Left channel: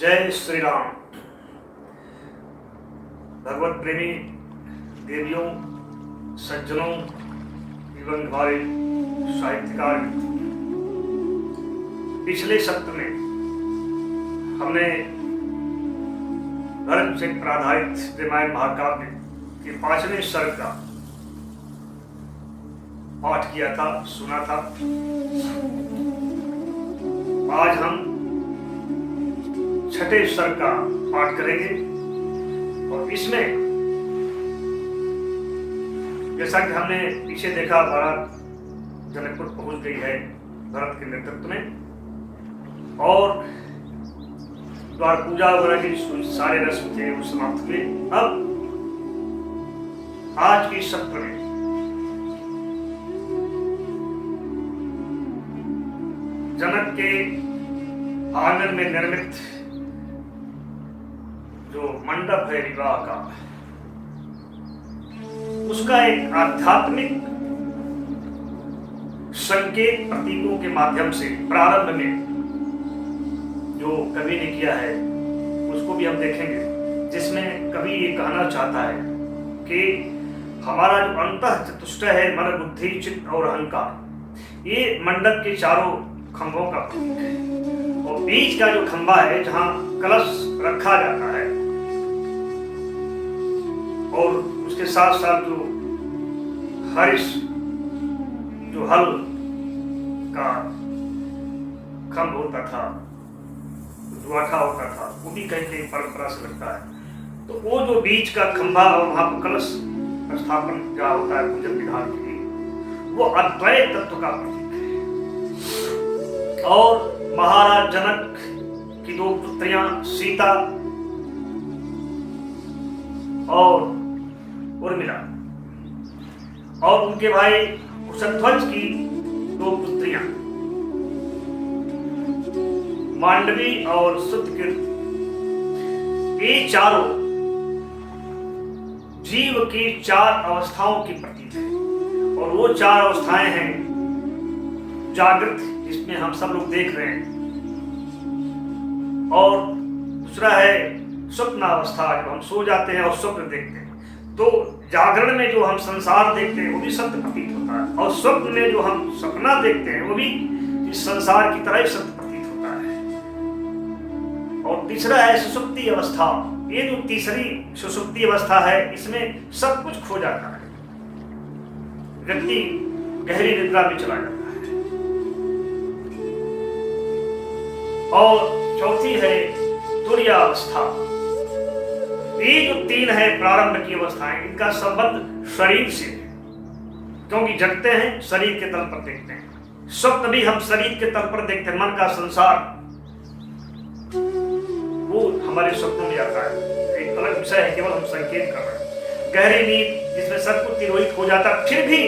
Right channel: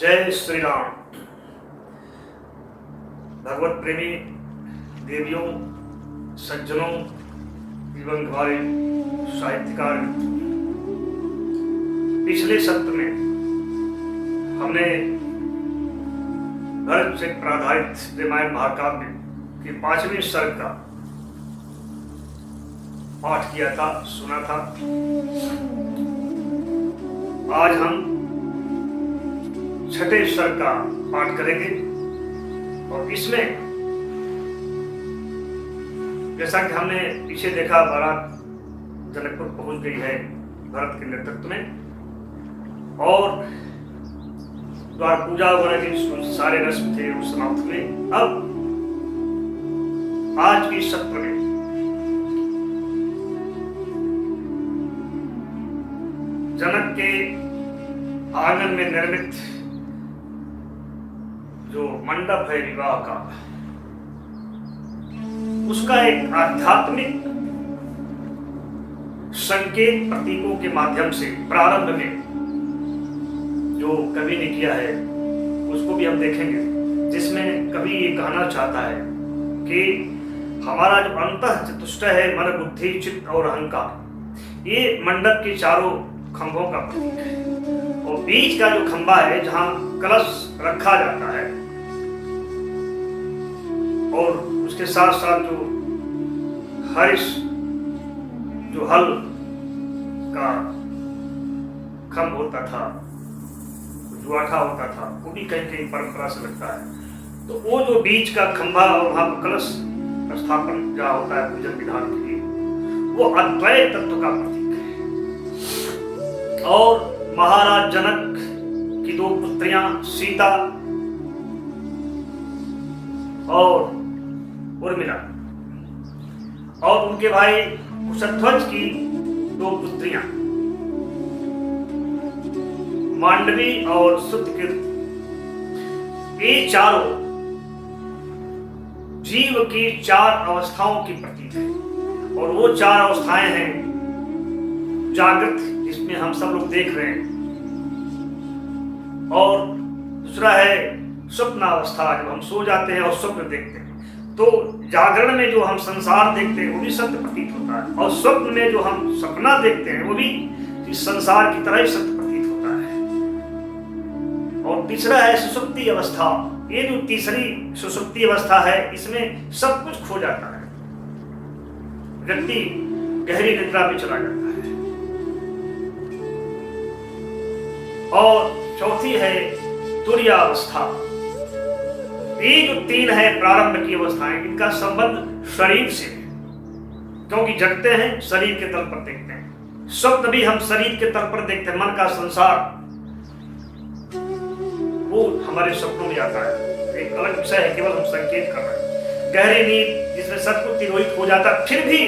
जय श्री राम। भगवत प्रेमी देवियों, सज्जनों एवं हमारे साहित्यकार मित्रों, पिछले सत्र में हमने भरत से आधारित रामायण महाकाव्य के 5वें सर्ग का पाठ किया था, सुना था। आज हम 6ठे सर्ग का पाठ करेंगे और इसमें जैसा कि हमने पीछे देखा, बारात जनकपुर पहुंच गई है भरत के नेतृत्व में और द्वार पूजा वगैरह के सारे रस्म थे वो समाप्त हुए। अब आज के सत्र में जनक के आंगन में निर्मित जो मंडप है विवाह का, उसका एक आध्यात्मिक संकेत प्रतीकों के माध्यम से प्रारंभ में जो कवि ने किया है उसको भी हम देखेंगे, जिसमें कवि ये कहना चाहता है कि हमारा जो अंतः चतुष्टय है, मन बुद्धि चित्त और अहंकार, ये मंडप के चारों खंभों का प्रतीक है और बीच का जो खंभा है जहां कलश रखा जाता है और उसके साथ साथ जो हरिश जो हल का खंभ होता था, दुआठा होता था, वो भी कहीं कहीं परंपरा से लगता है। तो वो जो बीच का खंभा और वहां कलश स्थापन जहाँ होता है पूजन विधान के लिए, वो अद्वैत तत्व का प्रतीक है। और महाराज जनक की दो पुत्रियां सीता और उर्मिला और उनके भाई कुशध्वज की दो पुत्रियां मांडवी और सुतकीर्ति, ये चारों जीव की 4 अवस्थाओं की प्रतीक है और वो 4 अवस्थाएं हैं जागृत, जिसमें हम सब लोग देख रहे हैं, और दूसरा है स्वप्न अवस्था, जब हम सो जाते हैं और स्वप्न देखते हैं। तो जागरण में जो हम संसार देखते हैं वो भी सत्य प्रतीत होता है और स्वप्न में जो हम सपना देखते हैं वो भी इस संसार की तरह ही सत्य प्रतीत होता है। और तीसरा है सुषुप्ति अवस्था। ये जो तीसरी सुषुप्ति अवस्था है, इसमें सब कुछ खो जाता है, व्यक्ति गहरी निद्रा में चला जाता है। और चौथी है तुर्यावस्था। ये जो 3 है प्रारंभ की अवस्थाएं, इनका संबंध शरीर से है, क्योंकि जगते हैं शरीर के तल पर देखते हैं, स्वप्न भी हम शरीर के तल पर देखते हैं, मन का संसार वो हमारे स्वप्नों में आता है, एक अलग विषय है, केवल हम संकेत कर रहे हैं। गहरी नींद जिसमें सब कुछ तिरोहित हो जाता है, फिर भी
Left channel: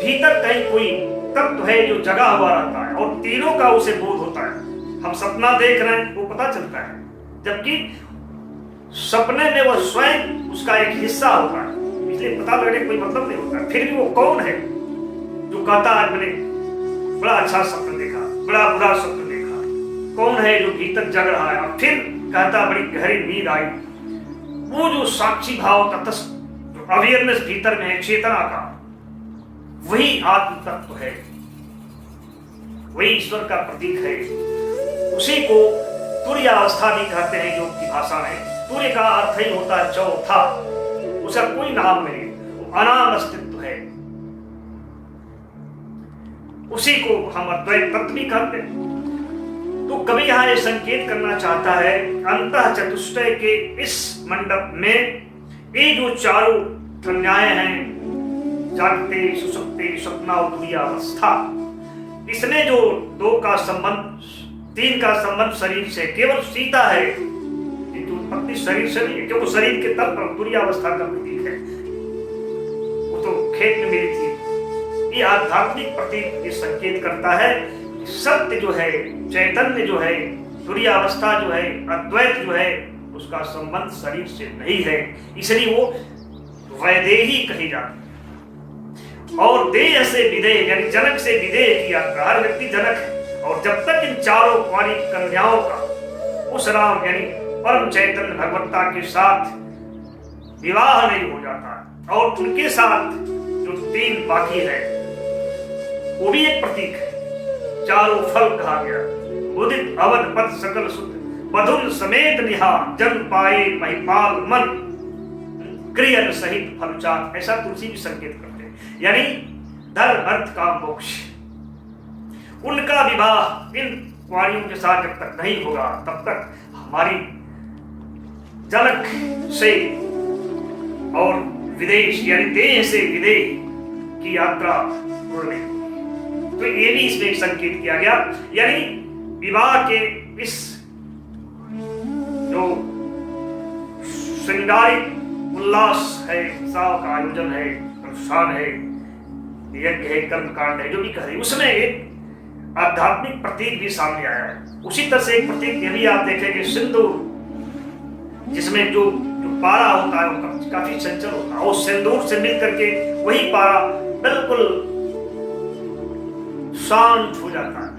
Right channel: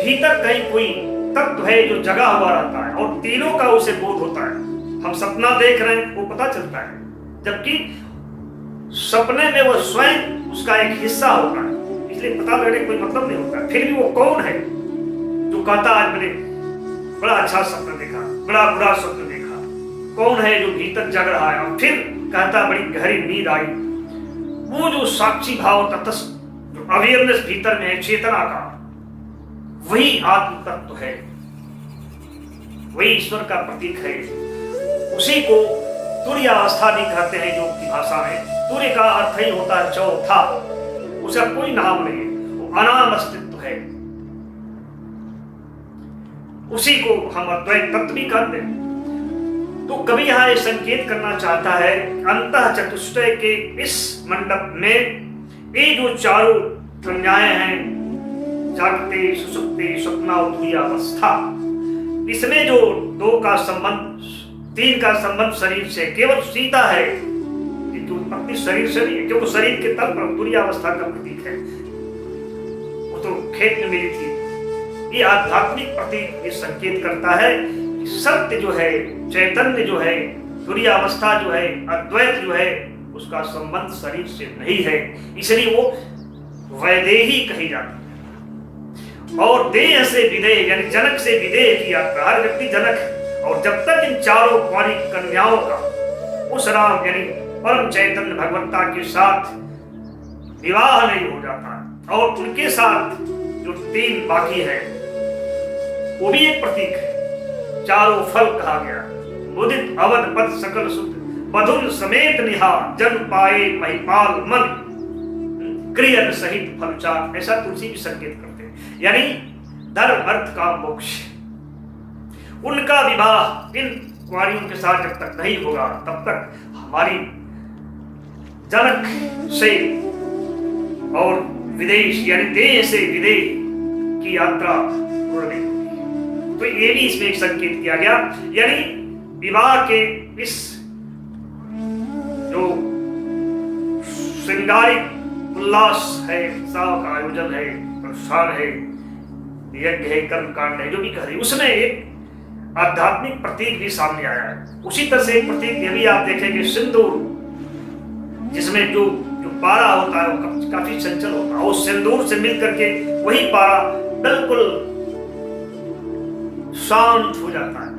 भीतर कहीं कोई तत्व है जो जगा हुआ रहता है और तीनों का उसे बोध होता है। हम सपना देख रहे हैं वो पता चलता है, जबकि सपने में वो स्वयं उसका एक हिस्सा होता है, इसलिए पता लगने कोई मतलब नहीं होता। फिर भी वो कौन है जो कहता आज मैंने बड़ा अच्छा सपना देखा, बड़ा बुरा सपना देखा, कौन है जो भीतर जग रहा है और फिर कहता बड़ी गहरी नींद आई। वो जो साक्षी भाव तटस्थ जो अवेयरनेस भीतर में है, चेतना का, वही आत्म तत्व है, वही ईश्वर का प्रतीक है। उसी को तुर्यावस्था भी कहते हैं योग की भाषा में। तुर्य का अर्थ ही होता है चौथा, उसका कोई नाम नहीं, वो अनाम अस्तित्व है। उसी को हम अद्वैत तत्व भी कहते हैं। तो कवि यहां ये संकेत करना चाहता है, अंतः चतुष्टय के इस मंडप में ये जो चारों कन्याएं हैं, जागते सुषुप्ति स्वप्न और तुर्यावस्था, इसमें जो 2 का संबंध, 3 का संबंध शरीर से, केवल सीता है कि उत्पत्ति शरीर से नहीं है, क्योंकि शरीर के तल पर तुर्यावस्था का प्रतीक है, वो तो खेत में मिली थी। ये आध्यात्मिक प्रतीक ये संकेत करता है कि सत्य जो है, चैतन्य जो है, तुर्यावस्था जो है, अद्वैत जो है, उसका संबंध शरीर से नहीं है, इसलिए वो वैदेही कही जाती है। और देह से विदेह यानी जनक से विदेह की यात्रा, हर व्यक्ति जनक है। और जब तक इन चारों कुंवारी कन्याओं का उस राम यानी परम चैतन्य भगवत्ता के साथ विवाह नहीं हो जाता। और उनके साथ जो 3 बाकी है वो भी एक प्रतीक है। चारों फल कहा गया, मुदित अवध पद सकल सुत, बधुन समेत निहार, जन पाए महिपाल मन, क्रियन सहित फलचार। ऐसा तुलसी भी संकेत करते हैं, यानी धर्म अर्थ काम मोक्ष। उनका विवाह इन कुंवारियों के साथ जब तक नहीं होगा तब तक हमारी जनक से और विदेश यानी देह से विदेह की यात्रा पूर्ण नहीं होगी। तो ये भी इसमें एक संकेत किया गया, यानी विवाह के इस जो श्रृंगारिक उल्लास है, उत्साह का आयोजन है, अनुष्ठान है, यज्ञ है, कर्म कांड है, जो भी कह रहे, उसमें एक आध्यात्मिक प्रतीक भी सामने आया है। उसी तरह से एक प्रतीक ये भी आप देखेंगे, सिंदूर, जिसमें जो पारा होता है वो काफी चंचल होता है, उस सिंदूर से मिल करके वही पारा बिल्कुल शांत हो जाता है।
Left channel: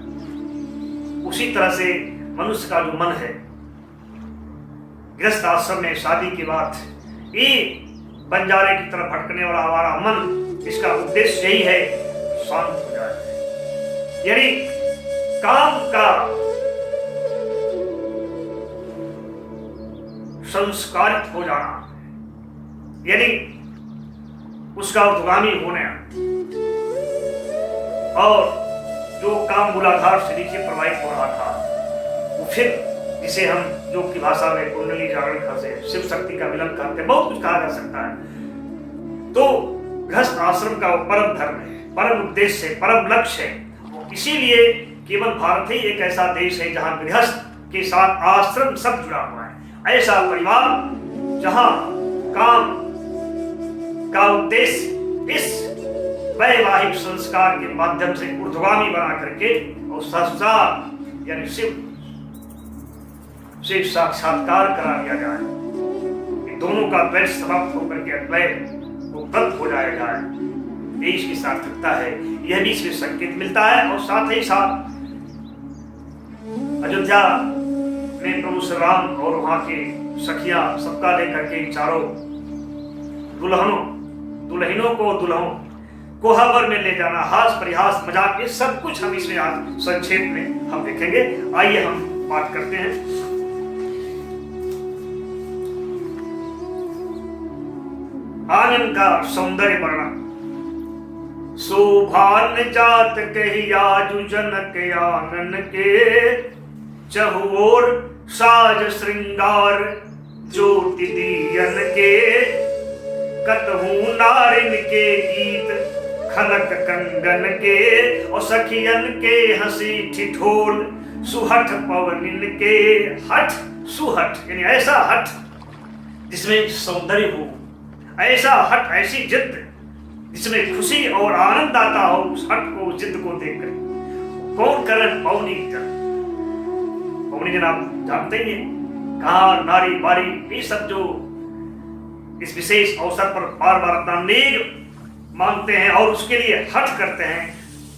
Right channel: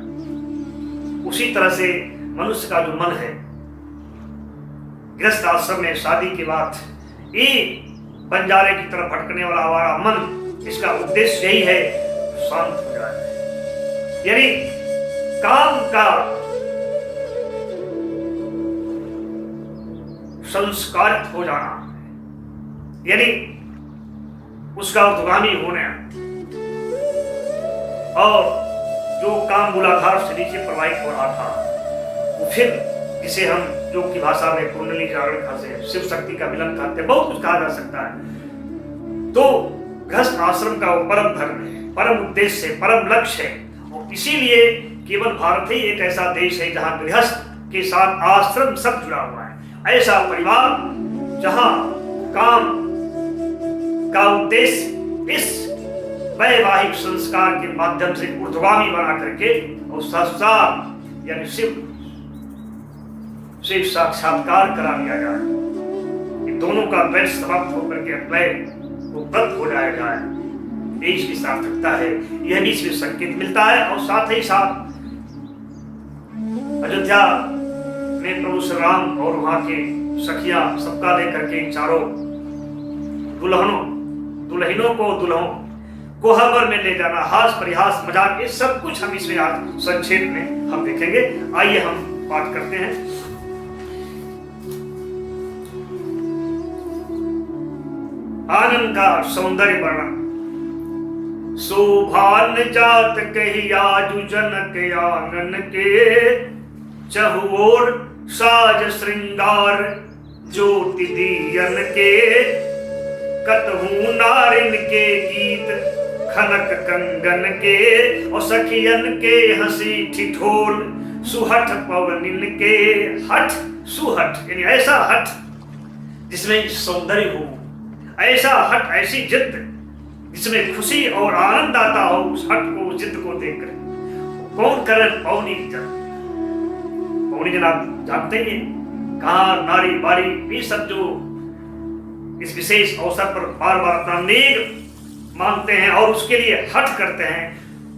उसी तरह से मनुष्य का जो मन है, गृहस्थ आश्रम में शादी के बाद ये बंजारे की तरफ भटकने वाला हमारा मन, इसका उद्देश्य यही है शांत हो जाए, यानी काम का संस्कारित हो जाना, यानी उसका उद्गामी होने, और जो काम मूलाधार से नीचे प्रवाहित हो रहा था वो फिर जिसे हम योग की भाषा में कुंडली जागरण कहते हैं, शिव शक्ति का मिलन कहते हैं, बहुत कुछ कहा जा सकता है। तो गृहस्थ आश्रम का वो परम धर्म है, परम उद्देश्य है, परम लक्ष्य है। और इसीलिए केवल भारत ही एक ऐसा देश है जहां गृहस्थ के साथ आश्रम सब जुड़ा हुआ है। ऐसा परिवार जहां काम का उद्देश्य इस वैवाहिक संस्कार के माध्यम से ऊर्ध्वगामी बना करके और संस्कार यानी शिव से साक्षात्कार करा दिया जाए, इन दोनों का द्वैत समाप्त होकर के अद्वैत उपलब्ध हो जाया जाए, ये इसकी सार्थकता है। यह भी इसमें संकेत मिलता है। और साथ ही साथ अयोध्या में प्रभु श्री राम और वहां के सखियां सबका लेकर के चारों दुल्हनों को दुल्हों कोहबर में ले जाना, हास परिहास मजाक, ये सब कुछ हम इसमें आज संक्षेप में हम देखेंगे। आइए हम पाठ करते हैं। आनंद का सौंदर्य वर्णन। शोभान जात कही आजु जनक आंगन के, चहुओर साज श्रृंगार ज्योति दियन के, कतहू नारिन के गीत खनक कंगन के, और सखियन के हंसी ठिठोल सुहठ पवनिन के। हठ सुहठ यानी ऐसा हठ जिसमें सौंदर्य हो, ऐसा हट, ऐसी जिद जिसमें खुशी और आनंद आता हो, उस हट को, उस जिद को देखकर। कौन करन पौनी जन, पौनी जन आप जानते हैं कहा नारी बारी, ये सब जो इस विशेष अवसर पर बार बार अपना नेग मांगते हैं और उसके लिए हट करते हैं,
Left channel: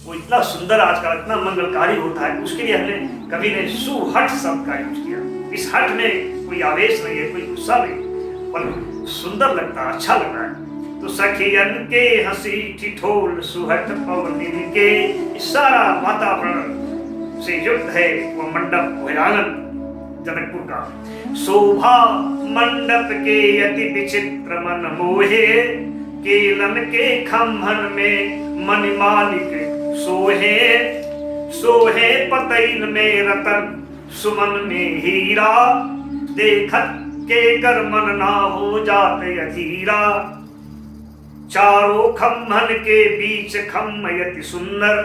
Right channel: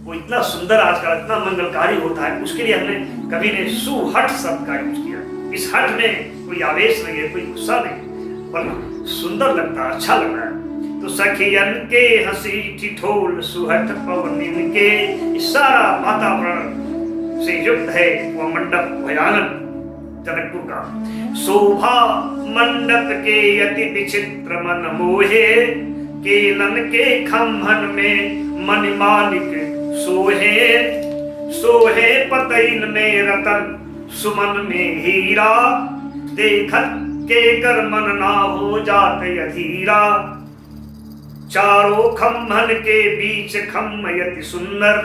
वो इतना सुंदर आजकल इतना मंगलकारी होता है, उसके लिए हमने कवि ने सुहट शब्द का यूज किया। इस हट में कोई आवेश नहीं है, कोई गुस्सा नहीं, बल्कि सुंदर लगता है, अच्छा लग रहा है। तो सखियन के हंसी ठिठोल सुहट पवनिन के, सारा वातावरण से युक्त है वह मंडप, वह आंगन जनकपुर का। शोभा मंडप के अति विचित्र मन मोहे, केलन के खम्भन में मणिमाणिक सोहे, सोहे पतैन में रतन सुमन में हीरा, देखत के कर मन ना हो जाते अधीरा। चारों खम्भन के बीच खम्भ यति सुंदर,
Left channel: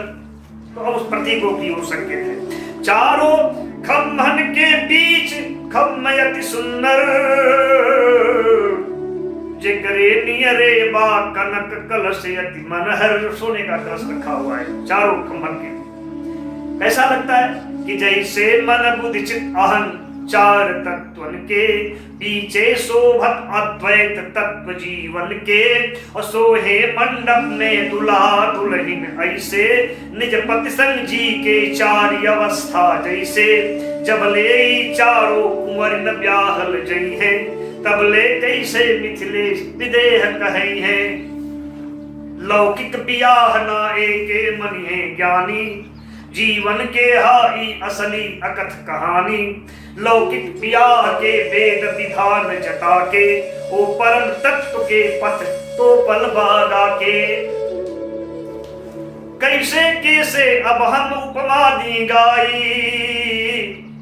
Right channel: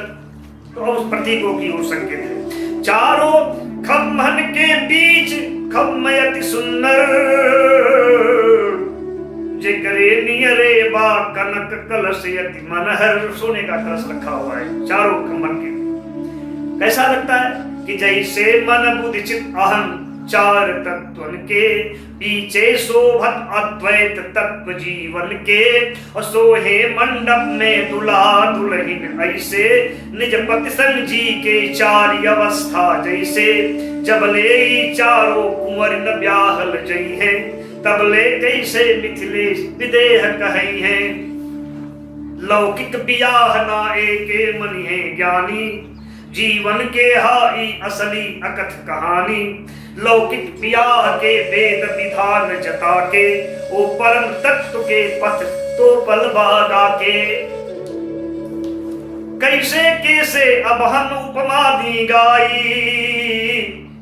तो उस प्रतीकों की ओर संकेत है। चारों खम्भन के बीच खम्भ यति सुंदर, जिकरे नियरे बा कनक कलश यति मनहर। सोने का कलश रखा हुआ है चारों खम्भन के। कैसा लगता है कि जैसे मन बुद्धि चित आहन चार तत्वन के, पीछे शोभत अद्वैत तत्व जीवन के। और सोहे मंडप में दुल्हा दुल्हन ऐसे, निज पति संग जी के चार अवस्था जैसे। जब ले चारों कुंवर न ब्याहल जई है, तब ले जैसे मिथिलेश विदेह कहे हैं। लौकिक बियाह ना एके मनि है ज्ञानी, जीवन के हाई असली अकथ कहानी। लौकिक बियाह के वेद विधान जता के, ओ परम तत्व के पथ तो पल बागा के। कैसे कैसे अब हम उपमा दी गाई,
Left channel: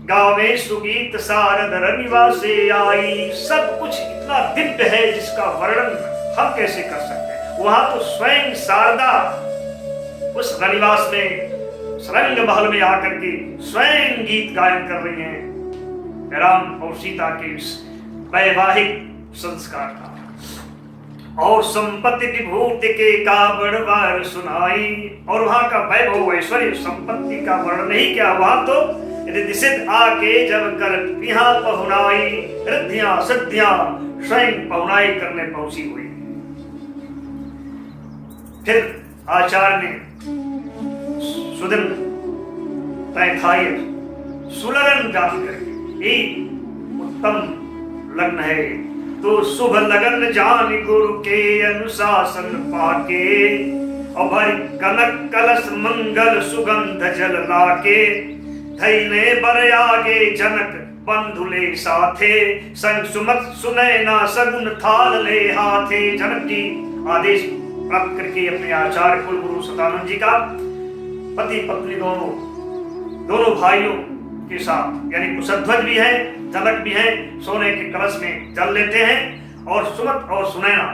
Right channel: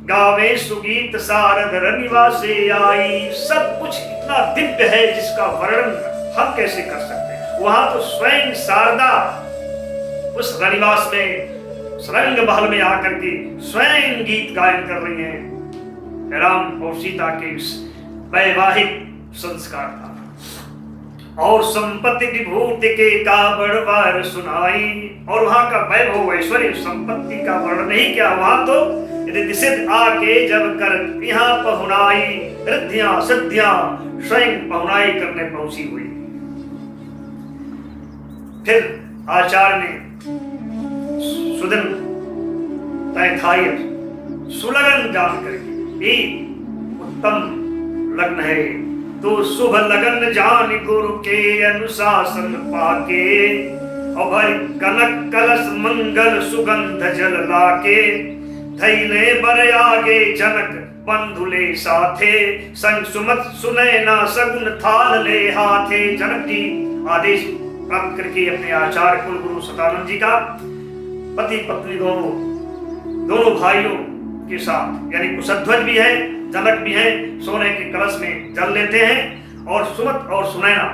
गावे सुगीत सारद निवासे आई। सब कुछ इतना दिव्य है जिसका वर्णन हम कैसे कर सकते हैं। वहां तो स्वयं शारदा उस रनिवास में रंग महल में आकर के स्वयं गीत गायन कर रही हैं। राम और सीता के इस वैवाहिक संस्कार का। और संपत्ति विभूति के काबड़वार सुनाई। और वहां का वैभव ऐश्वर्य संपत्ति का वर्णन नहीं क्या, वहां तो रिद्धिसिद्ध आके जब कर यहाँ पहुनाई, रिद्धियां सिद्धियां स्वयं पहुनाई करने पहुंची हुई। फिर आचार्य ने सुदिन तैथाय सुलगन जान करके, एक उत्तम लग्न है तो शुभ लगन जान गुरु के अनुशासन पाके। और भरी कनक कलश मंगल सुगंध जल लाके, धैले बर आगे जनक बंधुले साथे। संग सुमत सुनैना सगुन थाल ले हाथे। जनक जी आदेश प्राप्त करके अपने आचार्य कुलगुरु सदानंद जी का पति पत्नी दोनों भाइयों के साथ, यानी कुशध्वज भी है जनक भी है, सोने के कलश में जल लेते हैं। और सुमत और सुनैना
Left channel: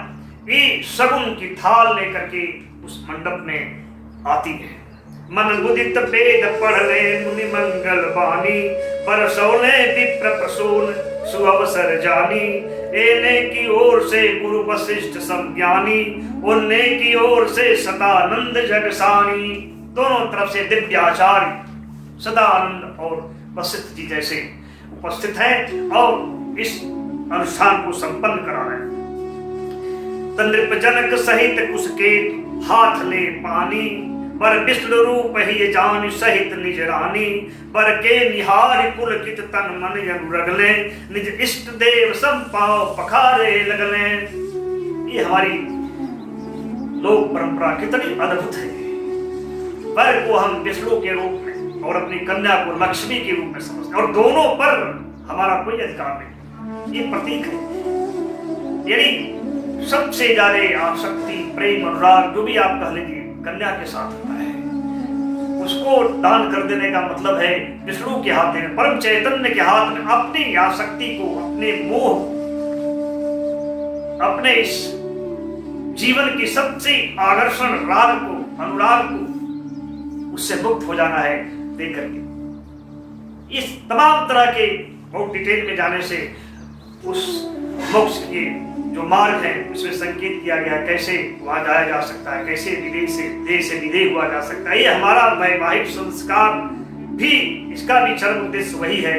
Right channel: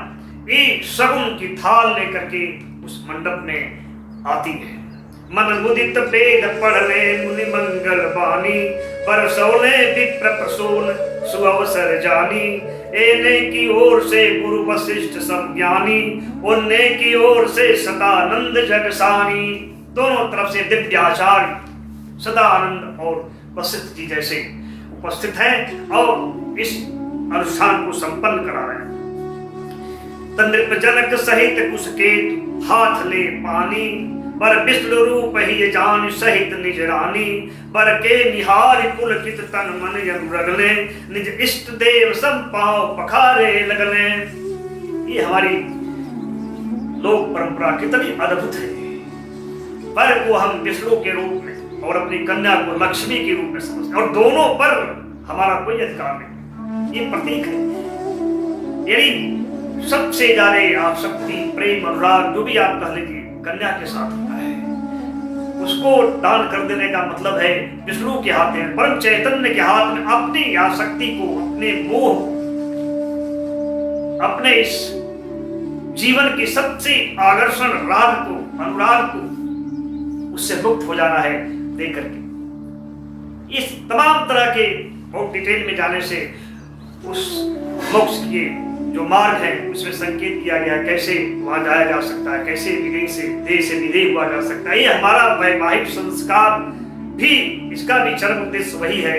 ये सगुन की थाल लेकर के उस मंडप में आती है। मन मुदित वेद पढ़ ले मुनि मंगल बानी, बरसौले विप्र प्रसून सुअवसर जानी। एने की ओर से गुरु वशिष्ठ संज्ञानी, उन्ने की ओर से सदानंद जगसानी। दोनों तरफ से दिव्य आचार्य सदानंद और वशिष्ठ जी जैसे उपस्थित हैं और इस अनुष्ठान को संपन्न करा रहे हैं। तनृप जनक सहित कुसकेत हाथ ले पानी, बर विष्णु रूप ही जान सहित निज रानी। बर के निहार पुलकित तन मन अनुरगले, निज इष्ट देव सब पांव पखारे लगले। ये हमारी लोक परंपरा कितनी अद्भुत है। बर को हम विष्णु के रूप में और अपनी कन्या को लक्ष्मी के रूप में समझते हैं, और दोनों पर हमारा कोई अधिकार नहीं। ये प्रतीक है, यानी सबसे ज्यादा आसक्ति प्रेम अनुराग जो भी आप कह लीजिए कन्या के साथ होता है। उसको दान कर देने का मतलब है विष्णु के हाथ में, परम चैतन्य के हाथ में अपनी आसक्ति को, अपने मोह, अपने इस जीवन की सबसे आकर्षण राग को, अनुराग को, उससे मुक्त हो जाना है दे करके। इस तमाम तरह के बहुत डिटेल में जाने से उस मोक्ष के जो मार्ग है उसमें संकेत किया गया है, कैसे वहां जाया जा सकता है, कैसे विदेह से देह से विदेह हुआ जा सकता है। ये हमारा वैवाहिक संस्कार भी, इसका भी चरम उद्देश्य वही है।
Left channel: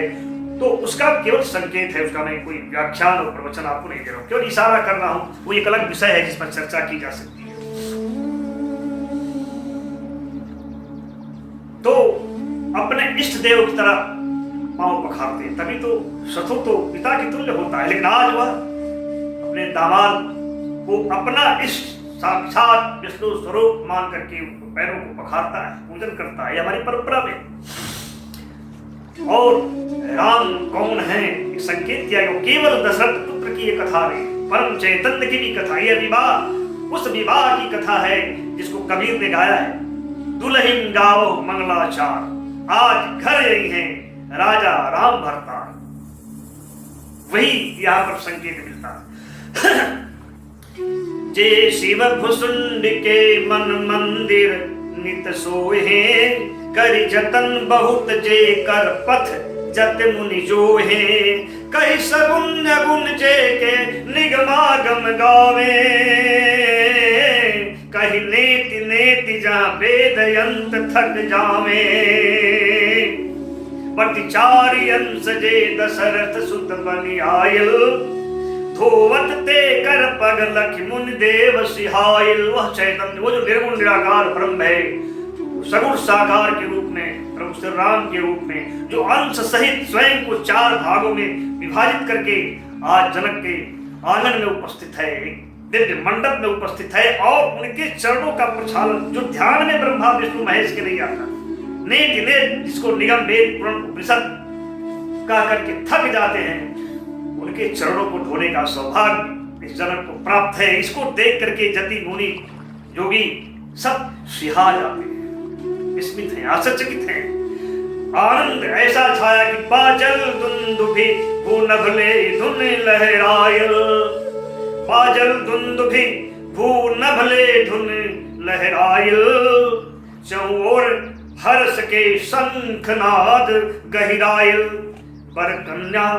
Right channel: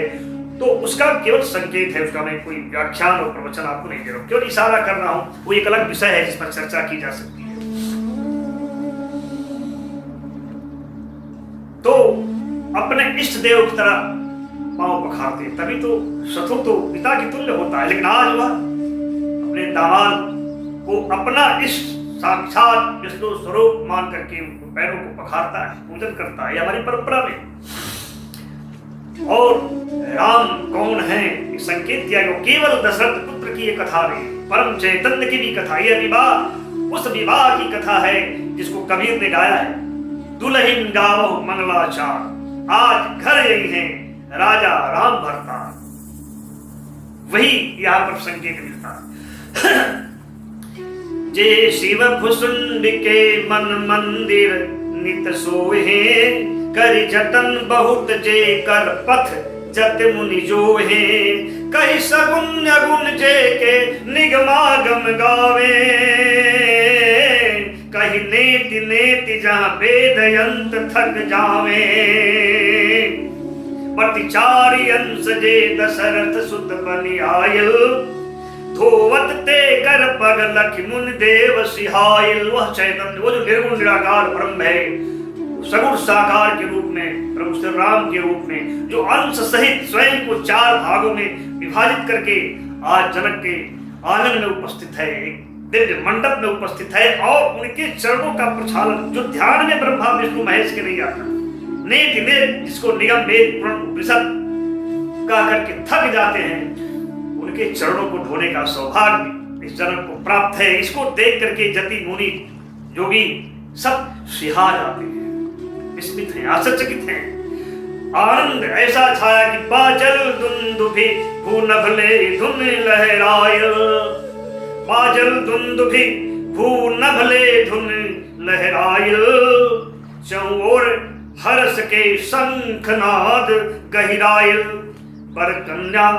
तो उसका केवल संकेत है, उसका मैं कोई व्याख्यान और प्रवचन आपको नहीं दे रहा हूँ, केवल इशारा कर रहा हूँ। वो एक अलग विषय है जिस पर चर्चा की जा सकती है। तो अपने इष्ट देव की तरह पांव पखारते, तभी तो शत्रु तो पिता की तुल्य होता है। लेकिन आज वह अपने दामाद को अपना इष्ट साक्षात विष्णु स्वरूप मान करके उनको पैरों को पखारता है, पूजन करता है। हमारी परंपरा में। और राम कौन है ये संकेत किया गया, केवल दशरथ पुत्र की ये कथा नहीं, परम चैतन्य की भी कथा। यह विवाह उस विवाह की कथा है जिसको कबीर ने गाया है। दुल्हिन गावो मंगलाचार, आज घर यही है राजा राम भरता। वही यहाँ पर संकेत मिलता है। जे शिव भुसुंड के मन मंदिर नित सोहे, करि जतन बहुत जे कर पथ जत मुनि जोहे। कई सगुन गुण जे के निगमागम गावे, कहीं नेति नेति जहाँ वेद यंत्र थक जावे। प्रतिचारी अंश जे दशरथ सुत बनि आयल, धोवत ते कर पग लख मुनि देव सिहायल। वह चैतन्य, वो जो निर्गुण निराकार ब्रह्म है, सगुण साकार के रूप में, प्रभु श्री राम के रूप में, जो अंश सहित स्वयं को 4 भागों में विभाजित करके आज जनक के आंगन में उपस्थित है, एक दिव्य मंडप में उपस्थित है, और उनके चरणों का प्रक्षालन जो ध्यान में ब्रह्मा विष्णु महेश के नहीं आता, नेति नेत जिसको निगम वेद पुराण उपनिषद कह करके थक जाते हैं, उनके चरणों को धोने का सौभाग्य इस जनक को प्राप्त है। इसको देख करके जति मुनि योगी सब सिहा जाते हैं, विस्मित हैं, आश्चर्यचकित हैं। आनंद ऐसा छाया कि बाजल दुंदुभि भूनभले धुन लहराय, बाजल दुंदुभि भूनभले धुन लहराय, चौओर हर्ष के शंखनाद गहिरायल, बर कन्या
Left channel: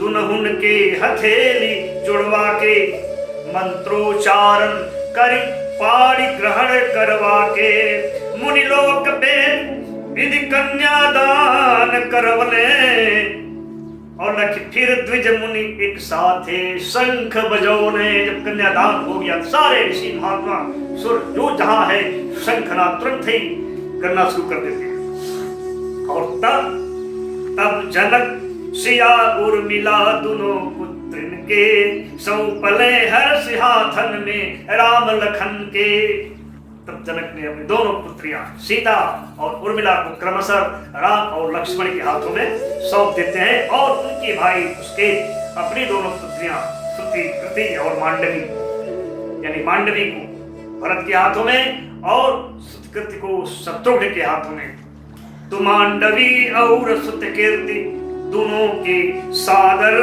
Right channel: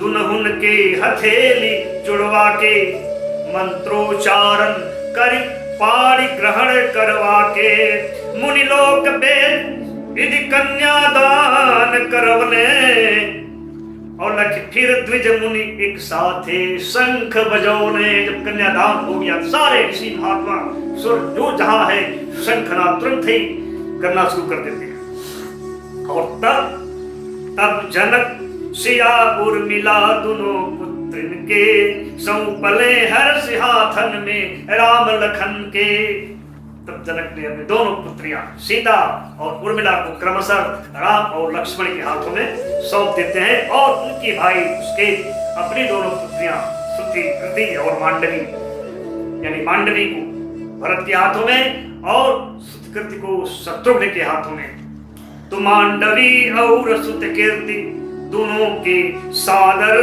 दुनहुन के हथेली जुड़वा के, मंत्रोच्चारण कर पाणी ग्रहण करवा के, मुनिलोक वेद विधि कन्यादान करवने, और लख फिर द्विज मुनि एक साथे शंख बजौने। जब कन्यादान हो गया सारे ऋषि महात्मा सुर जो जहां है शंखनाद तुरंत ही करना शुरू कर देते हैं। और तब जनक सिया उर्मिला दोनों पुत्र के, सौंपले हर्ष हाथन में राम लखन के। तब जनक ने अपनी दोनों पुत्रियां सीता और उर्मिला को क्रमशः राम और लक्ष्मण के हाथों में सौंप देते हैं, और उनके भाई उसके अपनी दोनों पुत्रियां श्रुति कृति और मांडवी, यानी मांडवी को भरत के हाथों में और श्रुतिकृति को शत्रुघ्न के हाथों में। तो मांडवी और श्रुतिकीर्ति दोनों के सादर,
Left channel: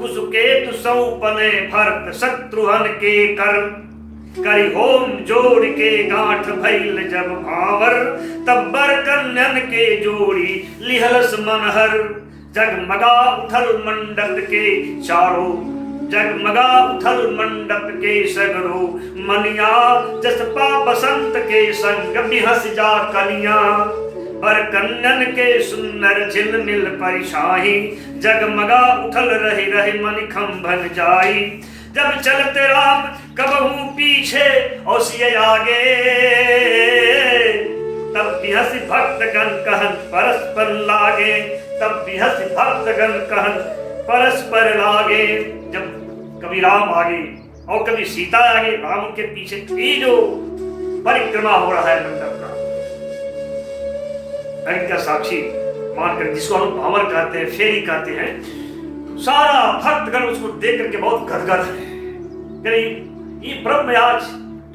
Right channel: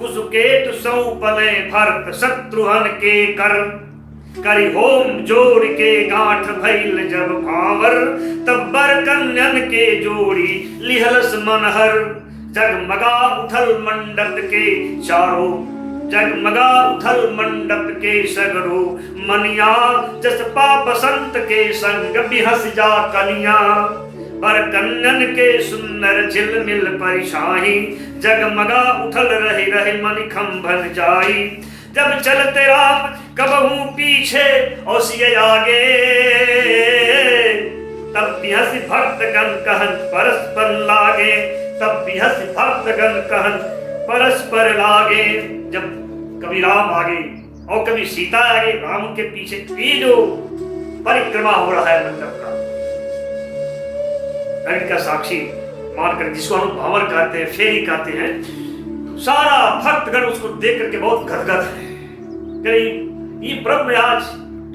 कुसुकेतु सौंपले भरत शत्रुघ्न के कर, करी होम जोड़ के गांठ भइल जब भावर, तब बर कन्यन के जोड़ी लिहलस मनहर। जगमगा उथल मंडप के चारों, जगमगा उथल मंडप के सगरो मनिया, जसपा बसंत के संग बिहस जा कनिया। पर कन्यन के सुंदर झिलमिल परिछाई, जगमगा उथल रहे रहे मन खंभन जाई। जब चलते राम कबहू पीछे और सिय आगे, तब बिहस भक्तगण कहन परस्पर लागे, तब बिहस भक्तगण कहन परस्पर लागे। जब कभी राम आगे और कभी सीता आगे, राम के पीछे ये जो परिक्रमा हो रहा है मंडप का, का साक्षी मानकर, जिसको हम भंवर कहते हैं, फेरी कहते हैं, सारा भक्तगण उसको देख करके बहुत गदगद है। ये ब्रह्म आज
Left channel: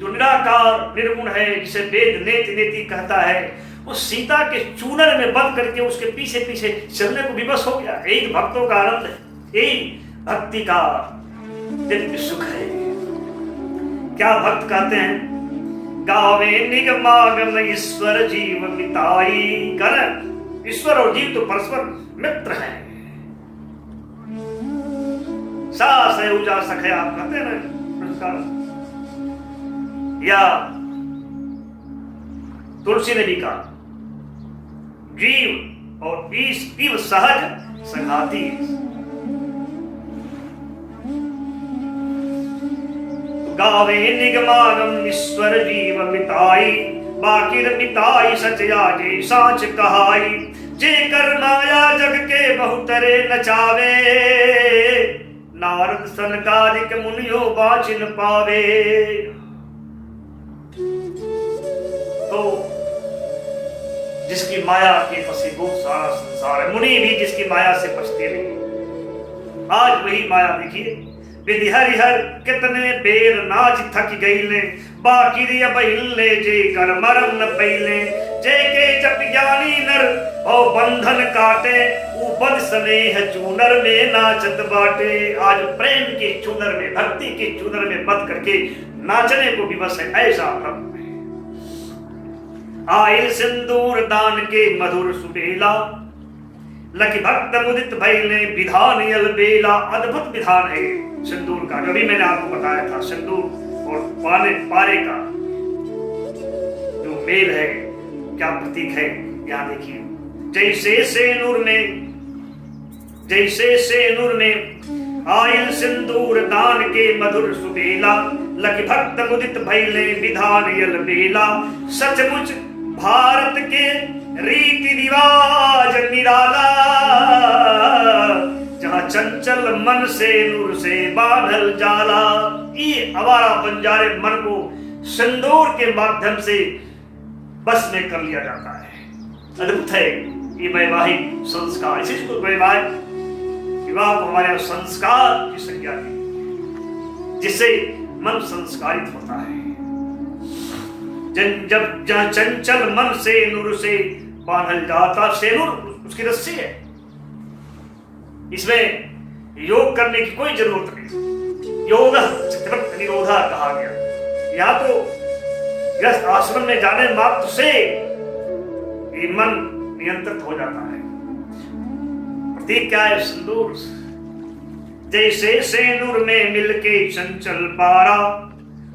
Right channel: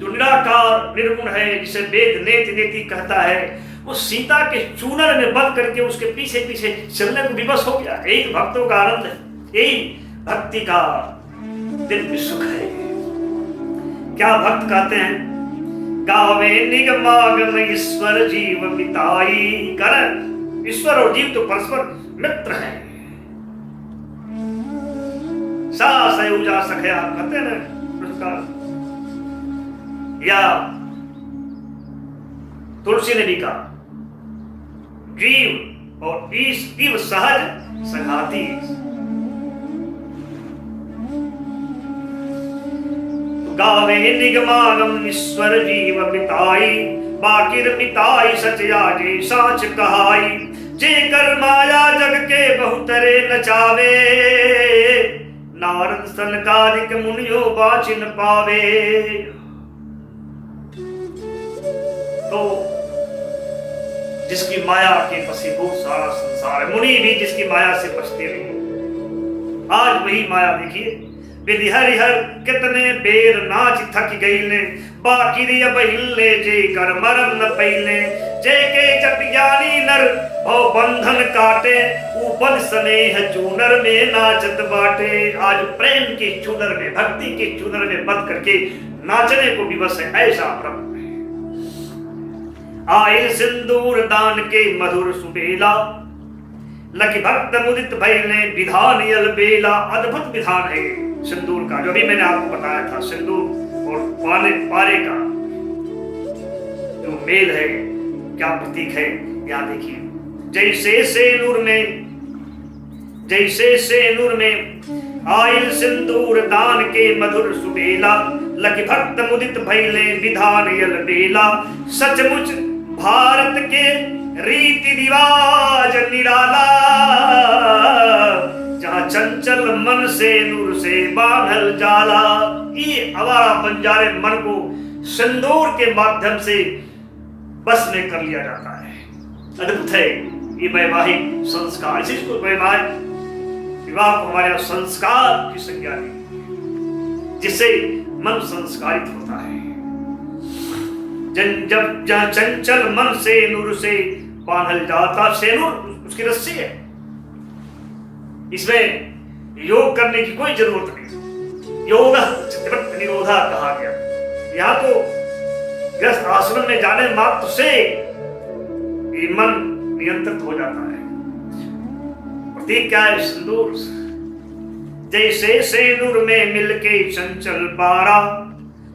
जो निराकार निर्गुण है, जिसे वेद नेति नेति कहता है, वो सीता के चूनर में बंद करके उसके पीछे पीछे चलने को विवश हो गया। यही भक्तों का आनंद है, यही भक्ति का दिव्य सुख है। क्या भक्त कहते हैं, गावे निगमागम ईश्वर जीव मिताई कर। ईश्वर और जीव तो परस्पर मित्र हैं। सा सयुजा सखया कहते हैं ना पुरस्कार, या तुलसी ने भी कहा, जीव और ईव सहज संघाती। गावे निगमागम ईश्वर जीव मिताई, बाकिर मिताई सच आगे साच कहाई। जे कर माया जग के बहुतरे नचावे, नारद सनकादिक मुनियो बाचिन पावे। तो जिसकी माया के वशीभूत सारा संसार है, मुनि भी जिसकी माया से बचते नहीं। आज वही माया देखिए, विधि हरिहर कितने बेर नाच थक गईले, बाकी बहिले जे कर मरम न पहिले। जे के जप ज्ञानी नर भव बंधन काटे, ऊपर स्नेह चूनर में नाचत बाटे। आज प्रेम के चूनर में, भक्ति के चूनर में बंध करके नाचने को विवश है, ऐसा ब्रह्म है। आयल सिंदूर दान के मधुर सुबेला, लकी भक्त मुदित भइले विधान यल बेला। अद्भुत विधान है सिंदूर का, जो भी मैंने आपको बताया था। सिंदूर और पारे का जो मेल है, क्या प्रतीक है, यहाँ देखिए। जैसे सेनुर में आयल सिंदूर दान के मधुर सुबेला, लखि भक्त मुदित भैले विधान यल बेला। सचमुच भारत के रीति रिवाज निराला, जहां चंचल मन से नूर से बांधल जाला। ये आवारा बंजारे मन को सिंदूर के माध्यम से बस में कर लिया जाता है। अद्भुत है ये वैवाहिक संस्कार। इसी को वैवाहिक विवाह को हमारे संस्कार की संज्ञा दी, जिससे मन संस्कारित होता है। जब जहां चंचल मन से नूर से बांधल जाता, सेनुर उसकी रस्सी है, इसमें योग करने की कोई जरूरत नहीं। योग चित्तवृत्ति निरोधा कहा गया। यहाँ तो गृहस्थ आश्रम में जाने मात्र से ये मन नियंत्रित हो जाता है। प्रतीक क्या है? सिंदूर। जैसे सेनुर में मिलके चंचल पारा,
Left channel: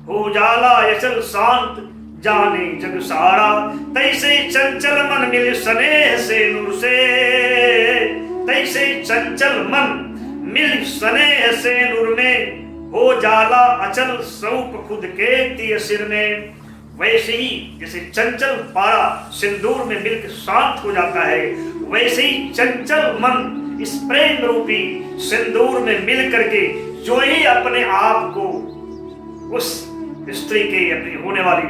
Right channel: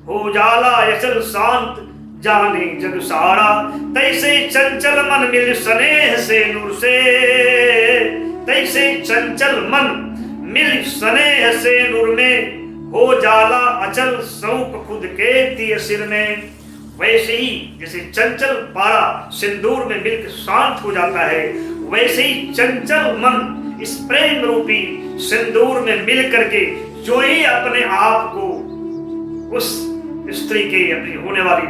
हो जाला अचल शांत जाने जग सारा। तैसे चंचल मन मिल स्नेह सेनुर से, तैसे चंचल मन मिल स्नेह सेनुर में, हो जाला अचल स्वरूप खुद के तिय सिर में। वैसे ही जैसे चंचल पारा सिंदूर में मिलकर शांत हो जाता है, वैसे ही चंचल मन इस प्रेम रूपी सिंदूर में मिल करके जो ही अपने आप को उस स्त्री के, अपनी होने वाली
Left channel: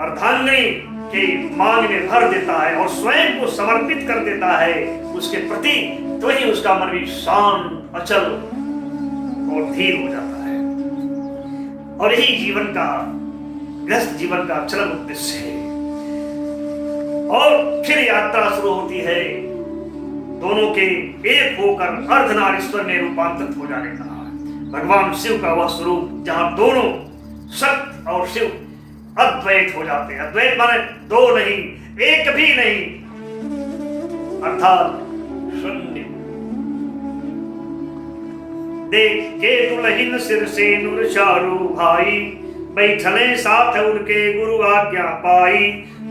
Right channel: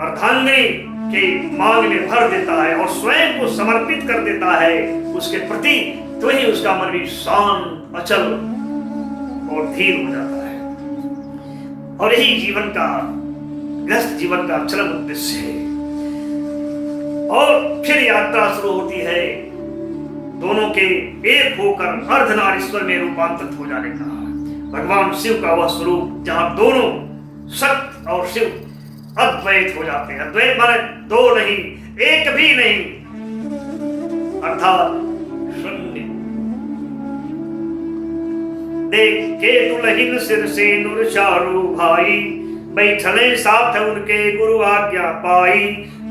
अर्धांगिनी के मांग में भर देता है और स्वयं को समर्पित कर देता है उसके प्रति, तो ही उसका मन भी शांत, अचल और धीर हो जाता है। और यही जीवन का, गृहस्थ जीवन का चरम उद्देश्य है। और फिर यात्रा शुरू होती है दोनों के एक होकर अर्धनारीश्वर में रूपांतरित हो जाने का। भगवान शिव का वह स्वरूप जहां दोनों सत्य और शिव अद्वैत हो जाते हैं। अद्वैत माने दो नहीं, एक भी नहीं, अर्थात शून्य। देख के दुल्हन सिर से नूर चारू भाई, बैठले साथ उनके गुरु आज्ञा पाई।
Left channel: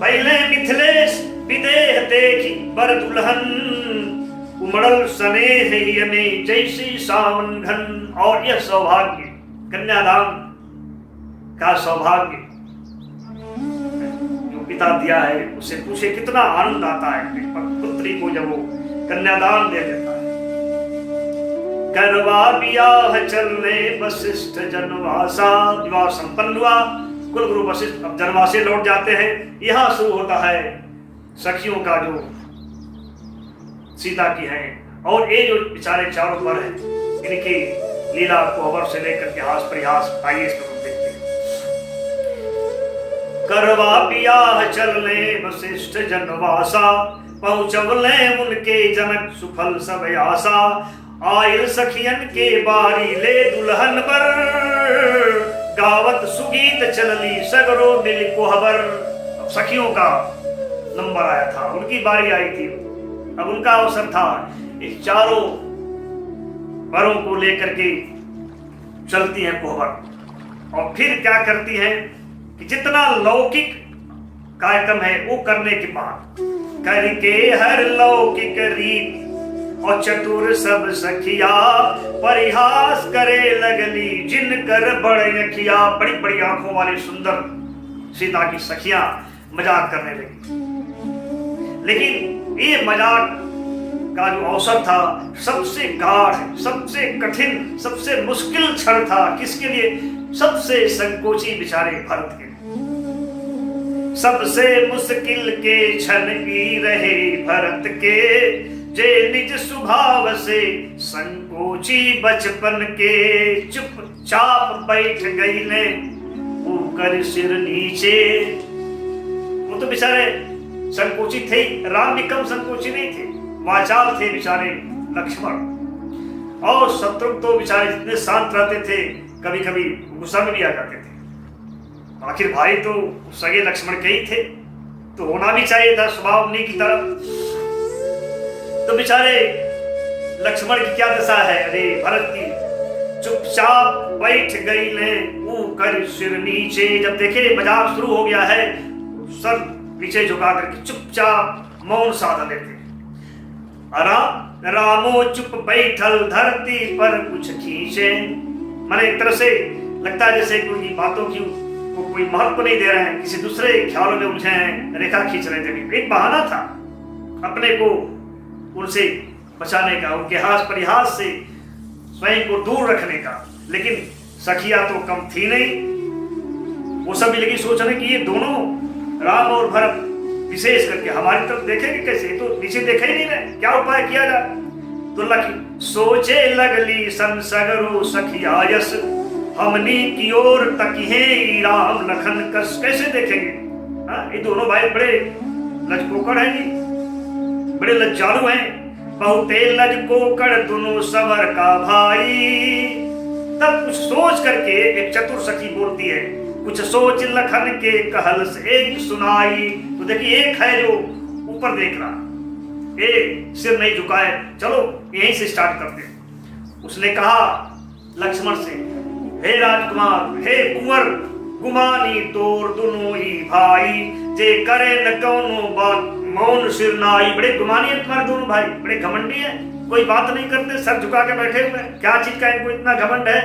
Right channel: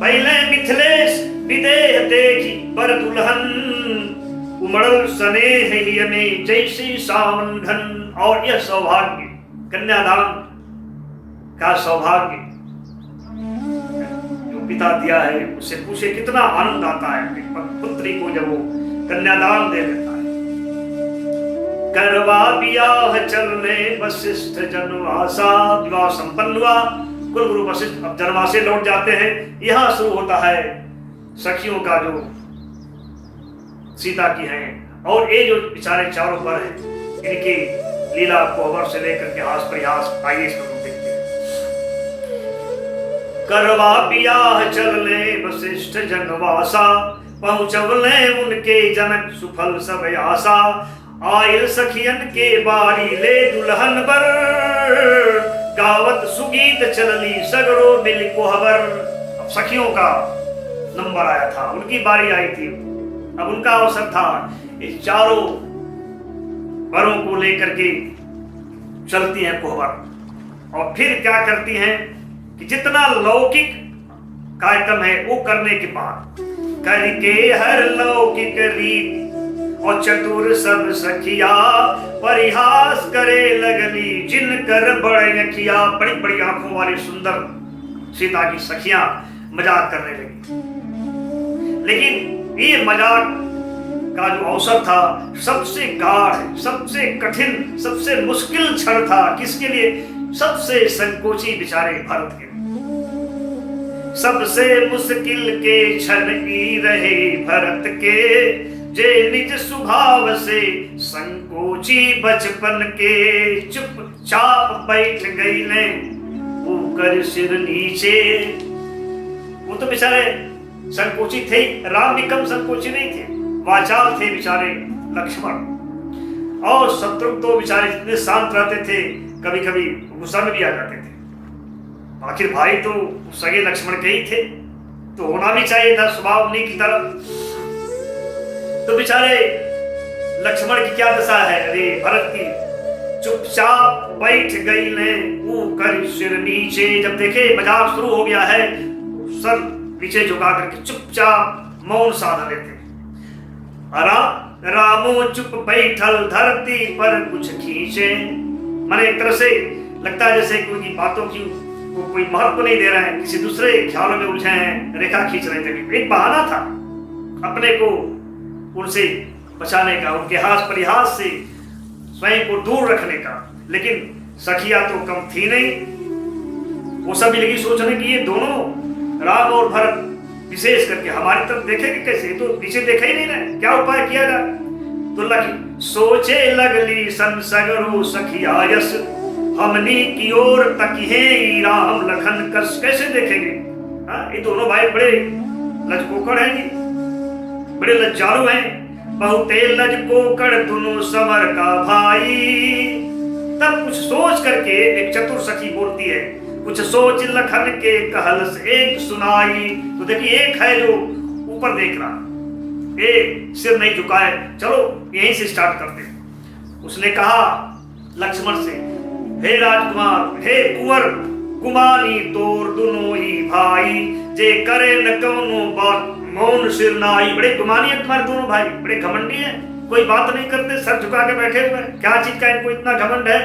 पहले मिथिलेश विदेह देखी बर दुल्हन, उमड़ल स्नेह ही में जैसी सावन घन। और यह सौभाग्य, कन्यादान का सौभाग्य जो पिता दिया है, उससे पूछे कितना आनंद आता है पुत्री को जब वो कन्यादान दे देता है। करवा ब्याह चलने वशिष्ठ जनवासा, विवाह संपन्न हुआ, कुल गुरु वशिष्ठ अब जनवासे लौट जाते हैं। यहां शुरू होता है सखियों का जो सीता की है, और ये जो बेचारे चारों पर हैं, इनकी लीला कोहबर से लेकर के हास परिहास। आइए इसको देखते हैं। करवा ब्याह चलने वशिष्ठ जनवासा, पहुंचवले उनके जनक सुफल सब आशा। आयल सखियन के बारी ले दुल्हन बर, गावत सुगीत चलली सगरो मिल कोहबर। अब सखियों का नंबर आया था, उनकी बारी आई थी, अब उनका अवसर था। इस चारों वरों को लेकर के चलती हैं कोहबर। और फिर क्या करती हैं कि जितना लौकिक कार्यक्रम है वो करने के बाद करके हर लौकिक रीति और चतुर सब सखिया, परिहास करे लगली जिन कर बड़े अखिया। बड़ी बड़ी आंखों वाली सुंदर सीता की सखियां मजाक करने लगी। लेकिन ये मजाक का जो अवसर था सबसे गाढ़, सबसे कठिन, सबसे मुश्किल क्षण था। किसके लिए? सबसे संकोची बेचारे भरत के लिए। सबसे मुश्किल के क्षण ही रहे भरत के, जे निज स्वभाव से संकोची बचपन के। चुपचाप बैठ गई ले ऊकर सिर नीचे। वो तो बेचारे संकोची थे, राम भी कम संकोची नहीं थे, वाचाल थे बेचारे लक्ष्मण। और शत्रुघ्न तो बेचारे इतने शांत रहते थे, कभी कभी गुस्सा में भी आ जाते थे। आखिर भाई तो सगे लक्ष्मण के ही थे, तो होना भी चाहिए था स्वभाव उन्हीं की तरह। तो बेचारे लक्ष्मण की क्या दशा है? अरे भरत की चुपचाप बैठ गई ले ऊकर सिर नीचे। जब देखे मजाक शुरू हो गया है, सर पीछे झुका करके चुपचाप मौन साधा लेते। रामो चुप बैठल धरती पर कुछ खींचे। माने एक तरह से लगता है जैसे कोई बातों की वो कोई महत्व नहीं दे रहे हैं, किसी दूसरे ख्यालों में उलझे हैं, रेखा खींच रहे थे। एक बहाना था अपने को उनसे बचाने का, उनके हास परिहास से स्वयं को दूर रखने का। लेकिन सखिया तो कम थी नहीं, वो सब लगी सोचने कि ये दोनों राम और भरत विशेष करके हमारी तरफ देखेंगे कैसे, तो नीचे देखा ही नहीं रहे, क्या उपाय किया जाए। तो लखी सोचे लगली संसगरु सखिया यस, हमनी की ओर तकिहे राम लखन कस। कैसे देखेंगे? ये दोनों भाई बड़े लजकोकड़ हैं जी, बड़े लज्जालू हैं। बहुते लजकोकड़ दोनों सवर का भाई। तब कुछ सोच करके एक चतुर सखी बोलती है, कुछ सोच लखन के कहल से एक सुनाई। तो देखिए एक है जो ऊपर देख रहा, एक सिर नहीं झुकाए, चलो यहीं से स्टार्ट करते हैं। उसने कहा लक्ष्मण से, हे राजकुमार, हे कुंवर, गुमानी तोर दोनों ही भाई, जे करे न कौनो बात मौन सिर नाई। बड़े गुमानी है तुम्हारे दोनों भाई, बड़े घमंडी हैं, कोई बात नहीं करते, सर झुका के बैठे हुए। क्या चीज का इनको इतना घमंड है?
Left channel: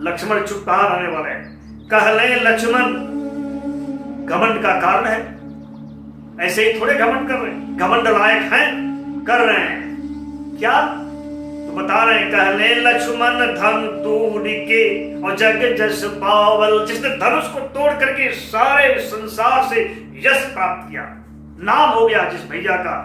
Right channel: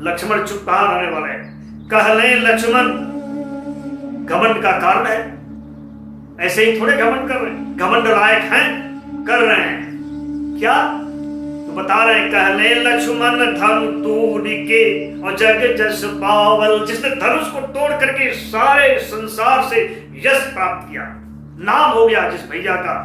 लक्ष्मण चुप कहां रहने वाले हैं? कहले लक्ष्मण, घमंड का कारण है, ऐसे ही थोड़े घमंड कर रहे हैं, घमंड लायक हैं, कर रहे हैं क्या? तो बता रहे हैं, कहले लक्ष्मण धनु तोड़ के और जग जस पावल। जिसने धनुष को तोड़ करके सारे संसार से यश प्राप्त किया, नाम हो गया जिस भैया का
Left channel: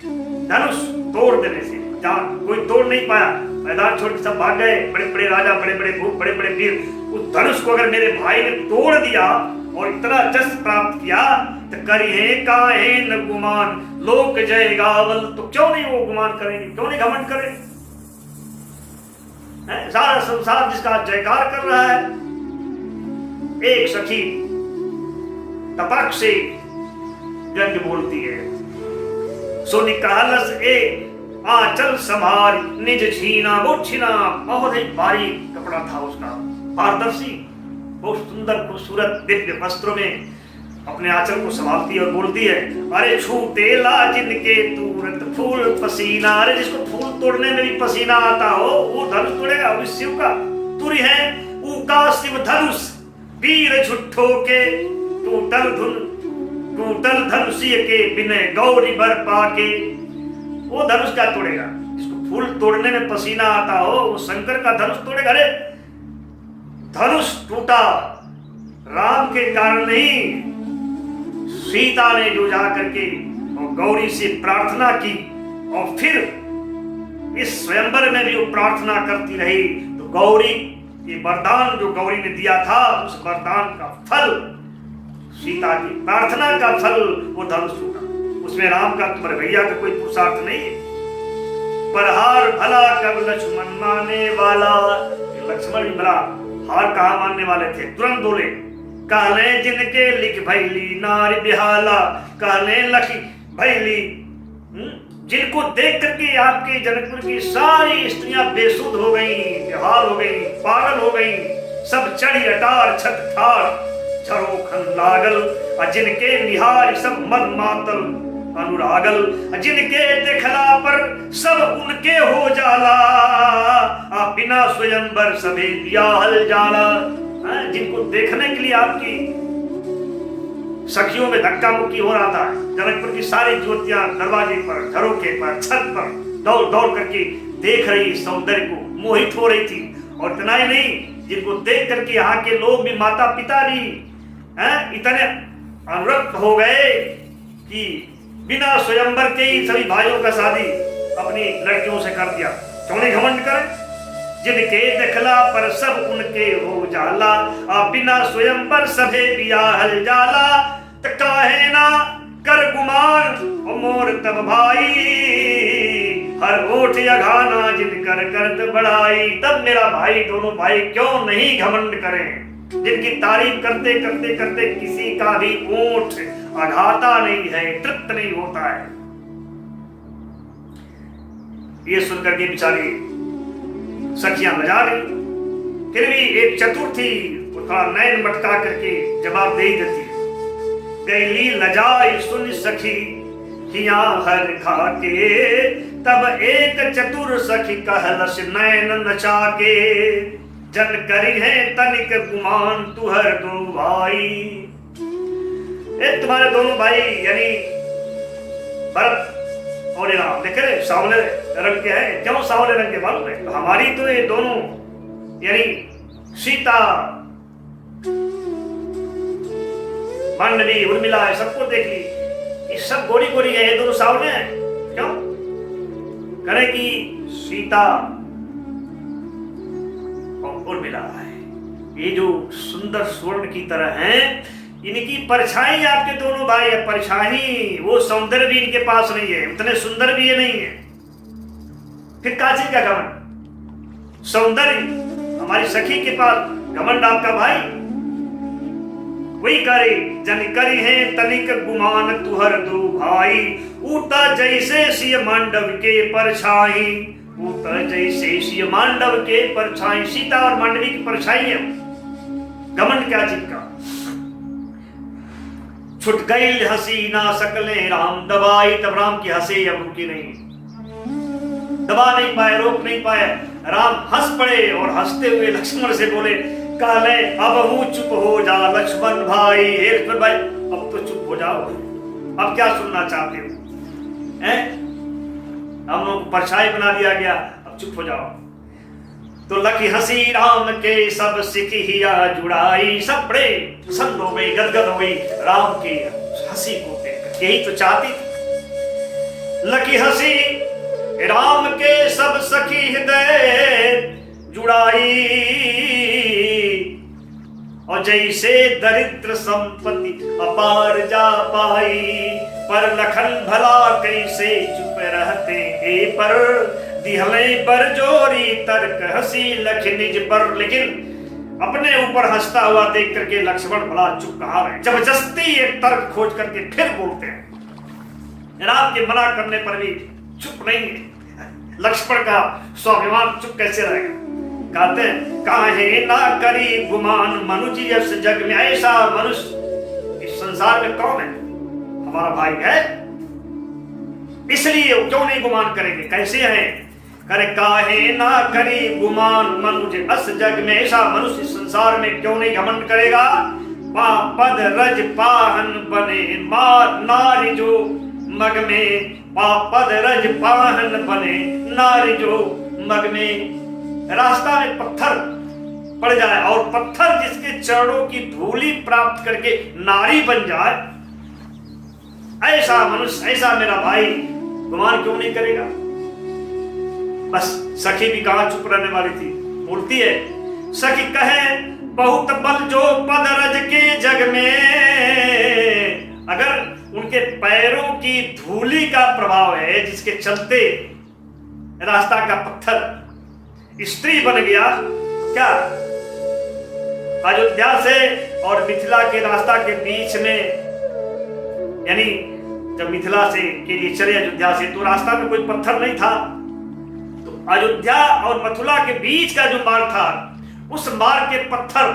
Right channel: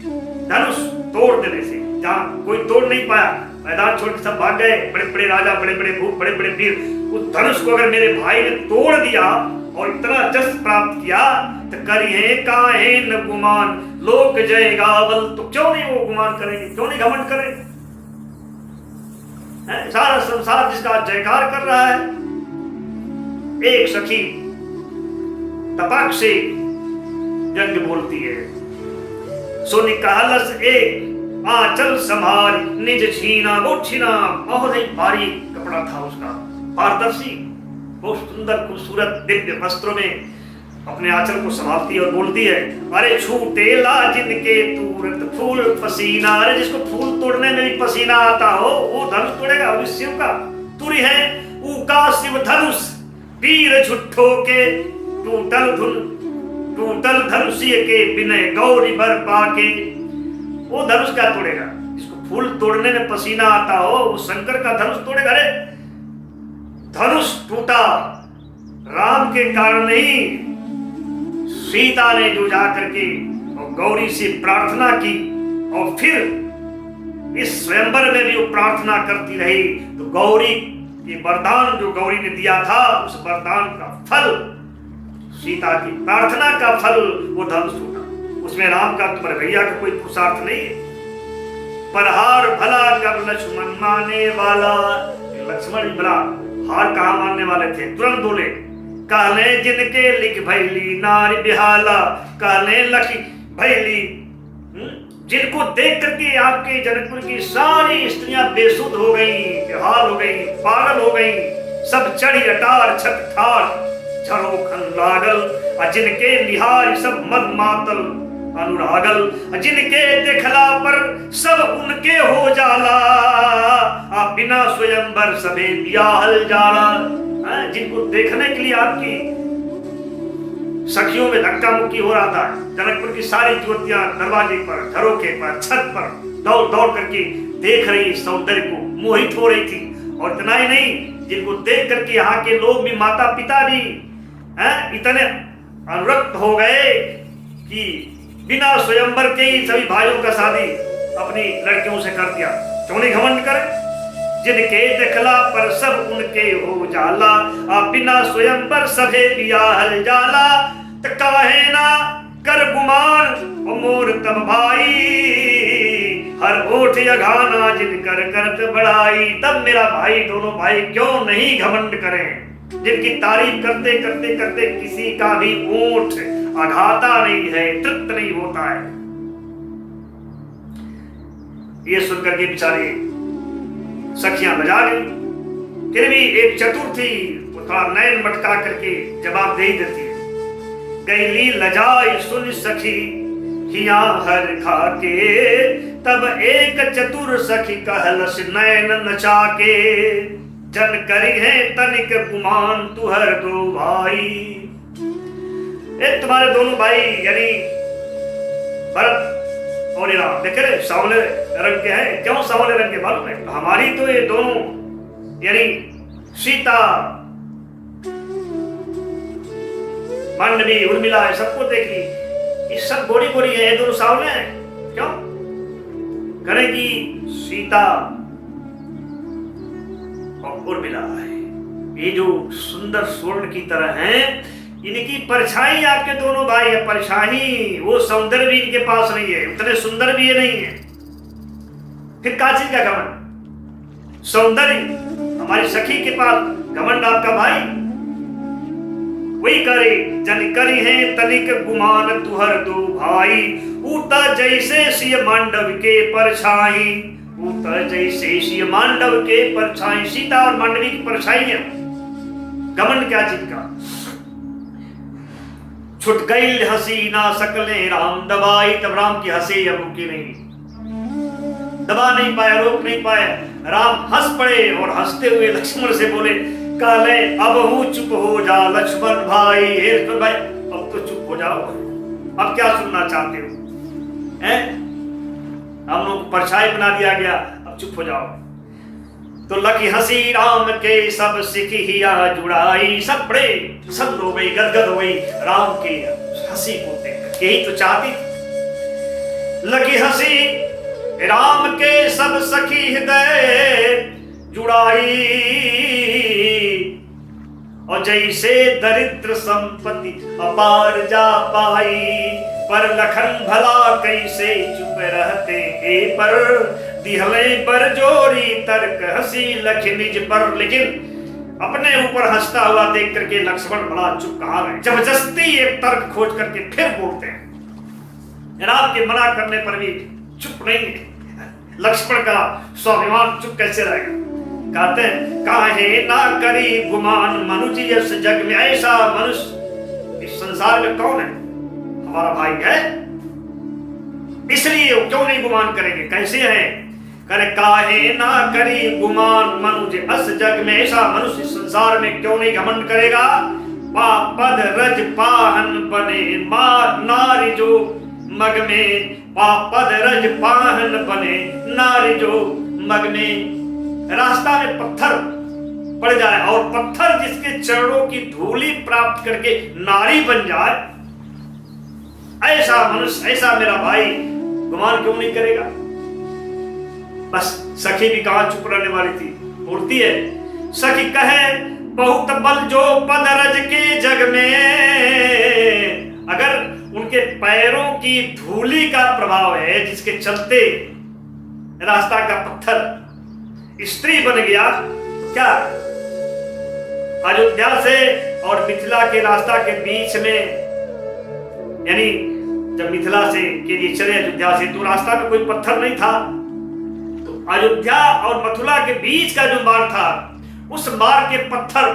धनुष तोड़ देने से, जहां कोई तोड़ नहीं पाया, मैदान छोड़ के सब भाग गए, बड़े बड़े राजा, बड़े बड़े भूप, बड़े बड़े वीर। उस धनुष को अगर मेरे भाई ने तोड़ दिया और इतना जस प्राप्त किया, तो करिए काहे न गुमान लोक जय गावल। तो क्यों नहीं वो गुमान करेंगे, क्यों नहीं घमंड करेंगे? सारा संसार जिसका जयकार कर रहा है। एक सखी तपाक से व्यंग बोलती है, सोनी कहलस एक आंचल संभारी निज छीना। वो छीना बहुत ही बारीक कपड़ा था उसका, पारदर्शी, बहुत सुंदर खूबसूरत दिव्य वस्त्रों में अपने आंचल को संभालती है और बोलती है, अरे छूटे ला जिनके तुरंत फूल पसीना। अरे जिसको फूल तोड़ने में भी पसीना आता हो, वो धनुष तोड़ेगा, वो शिव का तुरी है। ऊका शिव धनुष वीर झुट्ठो के, टूटल धनुषीय के बिने गौरी बर पाके। वो धनुष क्या तोड़ेगा? जिसको फूल तोड़ने में पसीना आता हो, वो शंकर का धनुष तोड़ेगा। अरे धनुष टूटा राम के कारण नहीं, सीता ने जो जा करके और गौरी से प्रार्थना की, और फिर इस स्वयंवर में भी वो प्रार्थना करती रही, तो गौरी के वरदान जो गौरी ने दिया था, उस वरदान का फल, सीता की प्रार्थना का फल वो धनुष टूटा। उसमें राम का, तुम्हारे भैया का कोई पुरुषार्थ नहीं है। पर हार भला कब लक्ष्मण माने वाला। लक्ष्मण भी भला हार कहां मानने वाले थे? तुरंत बोले, कहले जिनके लिख भैली नारी बिहाला। कहले लखी भैली, जिनको देख करके आपके जनकपुर की सारी स्त्रियां बेसुध हो गई, बेहाल हो गई, पागल हो गई, सब चढ़ी अटार छत ठार झरोखन लागल। जिनके निहार सब मद मातल अनुरागल, जिनके देखला पर सब उनके हो जाला। बिना स्वयंवर सबे बियाहल जाला। जिनको देखने के लिए आपकी सखियों में धक्का मुक्की हो रहा था, जनकपुर की सारी ज्योतियां दरवाजे पर, झरोखे पर, छत पर दौड़ दौड़ करके देख रही सौंदर्य को, मोहित हो रही थी। और इतना ही नहीं, जिनको देख करके यहाँ के लोग भी, माता पिता भी इतने अनुरक्त हो गए कि बिना स्वयंवर के ही सभी भाइयों का शादी अपनी लड़कियों से कर दिया। क्यों नहीं घमंड करें? जिनके देखला पर सब उनके हो जाला। बिना स्वयंवर सभे बियाहल जाला। तो काहे ना कर गुमान मोर तब भाई, हर ओठ यघाना जिनकर करत बड़ाई। तब मेरा भाई, दोनों भाई क्यों नहीं घमंड करें? जिनकी तारीफ करते करते करते किसी का भी ओठ अघाता नहीं है, तृप्त नहीं होता है। ये सुनकर के बेचारी सखियां लजा गई। फिर भी एक चतुर थी, वो थोड़ा नयन मटका करके जवाब दे ही देती है। गैली लजाई सुन सखी हिया हर खाके, तब एक चतुर सखी कहलस नैन नचाके, जन करी है तनिक गुमान तुहर दो भाई। तुम्हारे दोनों भाई यानी भरत और राम देख रहे सांवले रंग के हैं। क्यों सांवले रंग के मालूम है? हमारी तो ये दोनों यानी सीता, मांडवी, उर्मिला है, सबको देख ली, ये सब गोरी गोरी है, ये दोनों सांवले हैं। क्यों करेगी? सीता और उर्मिला है, ये जो सुंदर स्वर्ण की तरह हैं, इनकी परछाई आपके दोनों भाई है। परछाई, वो सौंदर्य भी इनके पास नहीं है, उतने सुंदर भी ये नहीं है। फिर काची का घमंड? सौंदर्य हमारी सखी के पास, घमंड आपका भाई। वही करे जन करी है तनिक गुमान तुहर दो भाई, ऊता जैसे सिय मांडव के परछाई, ऊता जैसे सिय मांडव के परछाई। सीता और मांडवी की परछाई है। घमंड क्या चीज का? छुट गई हंसी ना सकले राम दबाई, तब राम की हंसी अब रुकी नहीं, दबा नहीं पाए, रोक नहीं पाए। राम हंस पड़े और हंसते हुए लक्ष्मण से बोले, काले अब हूं चुप हो जा लक्ष्मण भाई। हे लक्ष्मण भाई, अब तो चुप हो जाओ, अब क्या सुनना चाहते हो? हैं? हम लोग को परछाई बना दिया गया, अब चुप हो जाओ। तो लखी हंसी राम के सब सिखिया जुड़ाई, सब बड़े प्रसन्न हो गई, गदगद हो गई राम की हंसी को देखकर। यही तो चाहती थी। लखी हंसी राम के सब सखी हृदय जुड़ाई, और जैसे दरिद्र संपत्ति अपार जा पाई, पर लखन भला कैसे चुप रहते हे पर, दिहले पर जोरी तर्क हंसी लख निज पर। लेकिन अपने ऊपर हंसता हुआ देख करके लक्ष्मण बड़ा चुप कहा है। जबरदस्ती एक तर्क खोज करके फिर बोलते हैं। राम के मना करने पर भी चुप नहीं है। लक्ष्मण का स्वाभिमान चुप कैसे रहेगा? कहते काहे ना करी गुमान मनुज यस जग में, ऐसा मनुष्य इस संसार में कौन है? हमारा भाई है, इसलिए वो क्यों नहीं गुमान करेंगे? कैसे है? करे काहे ना करी गुमान मनुज अस जग में, ऐसा मनुष्य इस संसार में क्यों नहीं घमंड करेगा? पापद रज पाहन बने नारी जो मग में, पापद रज पाहन बने नारी जो मग में। रास्ता में पत्थर पड़ जाए और पत्थर जिसके चरणों की धूली प्राप्त करके नारी बन जाए, ऐसा मनुष्य, ऐसा मेरा भाई गुमान क्यों नहीं करेगा? बस सखी भी कहां चुप रहने वाली थी, बोलती है। सखी कहे बहुत बल जो पद रज के जग में, अगर उनके पैरों की धूली का प्रभाव है जिसके चलते रास्ता का पत्थर स्त्री बन गया, क्या अयोध्या से और मिथिला के रास्ता के बीच में, यानी जब मिथिला से के लिए चले अयोध्या से, तो रास्ता में कोई पत्थर नहीं था। तो अयोध्या और मथुरा के बीच का जो मार्ग था, उस मार्ग के पत्थर